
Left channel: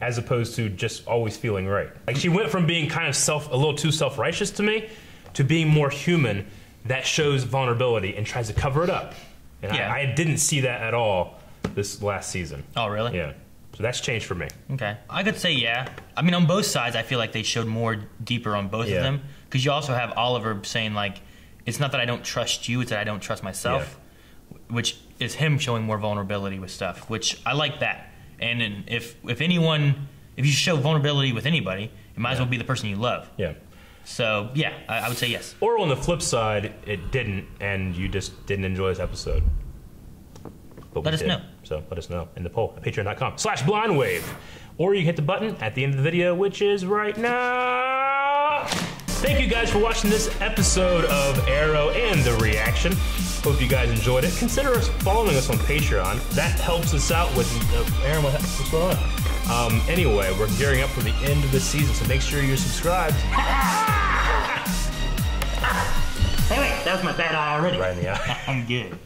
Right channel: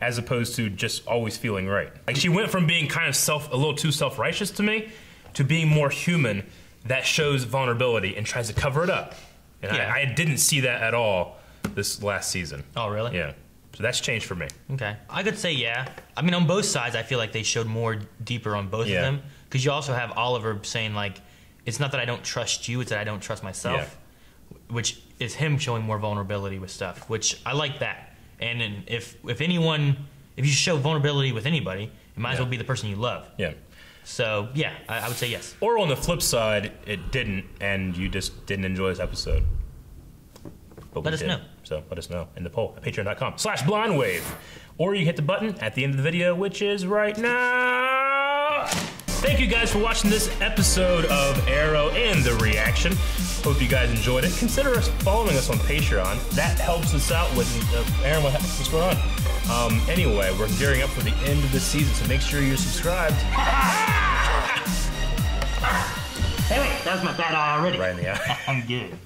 as opposed to just always feeling right. Like, she went from being kind of a little too self-righteous to me, to being more human that shows vulnerability and tries to cover it up. And I didn't see that at all this last season. Oh, really? Yeah. So that's changed for me. Okay. I could say yeah. I mean, on both sides, I feel like they showed more deeper on both of them. Because you also have Oliver saying, like, it's not that I don't trust you, it's that I don't trust myself. Which is him showing more vulnerability with stuff, which I like that. And if you show vulnerability with anybody, it might as well be the person you love. Yeah. So, yeah, I would say yes. Or on the flip side, it didn't, and you just didn't enjoy this episode. But let us know. So let us know in the poll at patreon.com/blindwave. Or you can hit the button at the end of the video, which is right now. Thank you guys for watching this episode of Arrow and the reaction. Hope you guys enjoyed it. Consider following us on Patreon. That helps us out with Aaron. What's going on? Anyway, we're gearing up for the end of the season, so make sure you're subscribed. Hey, wait, that was my bad eye already. Right in the eye. I'm good.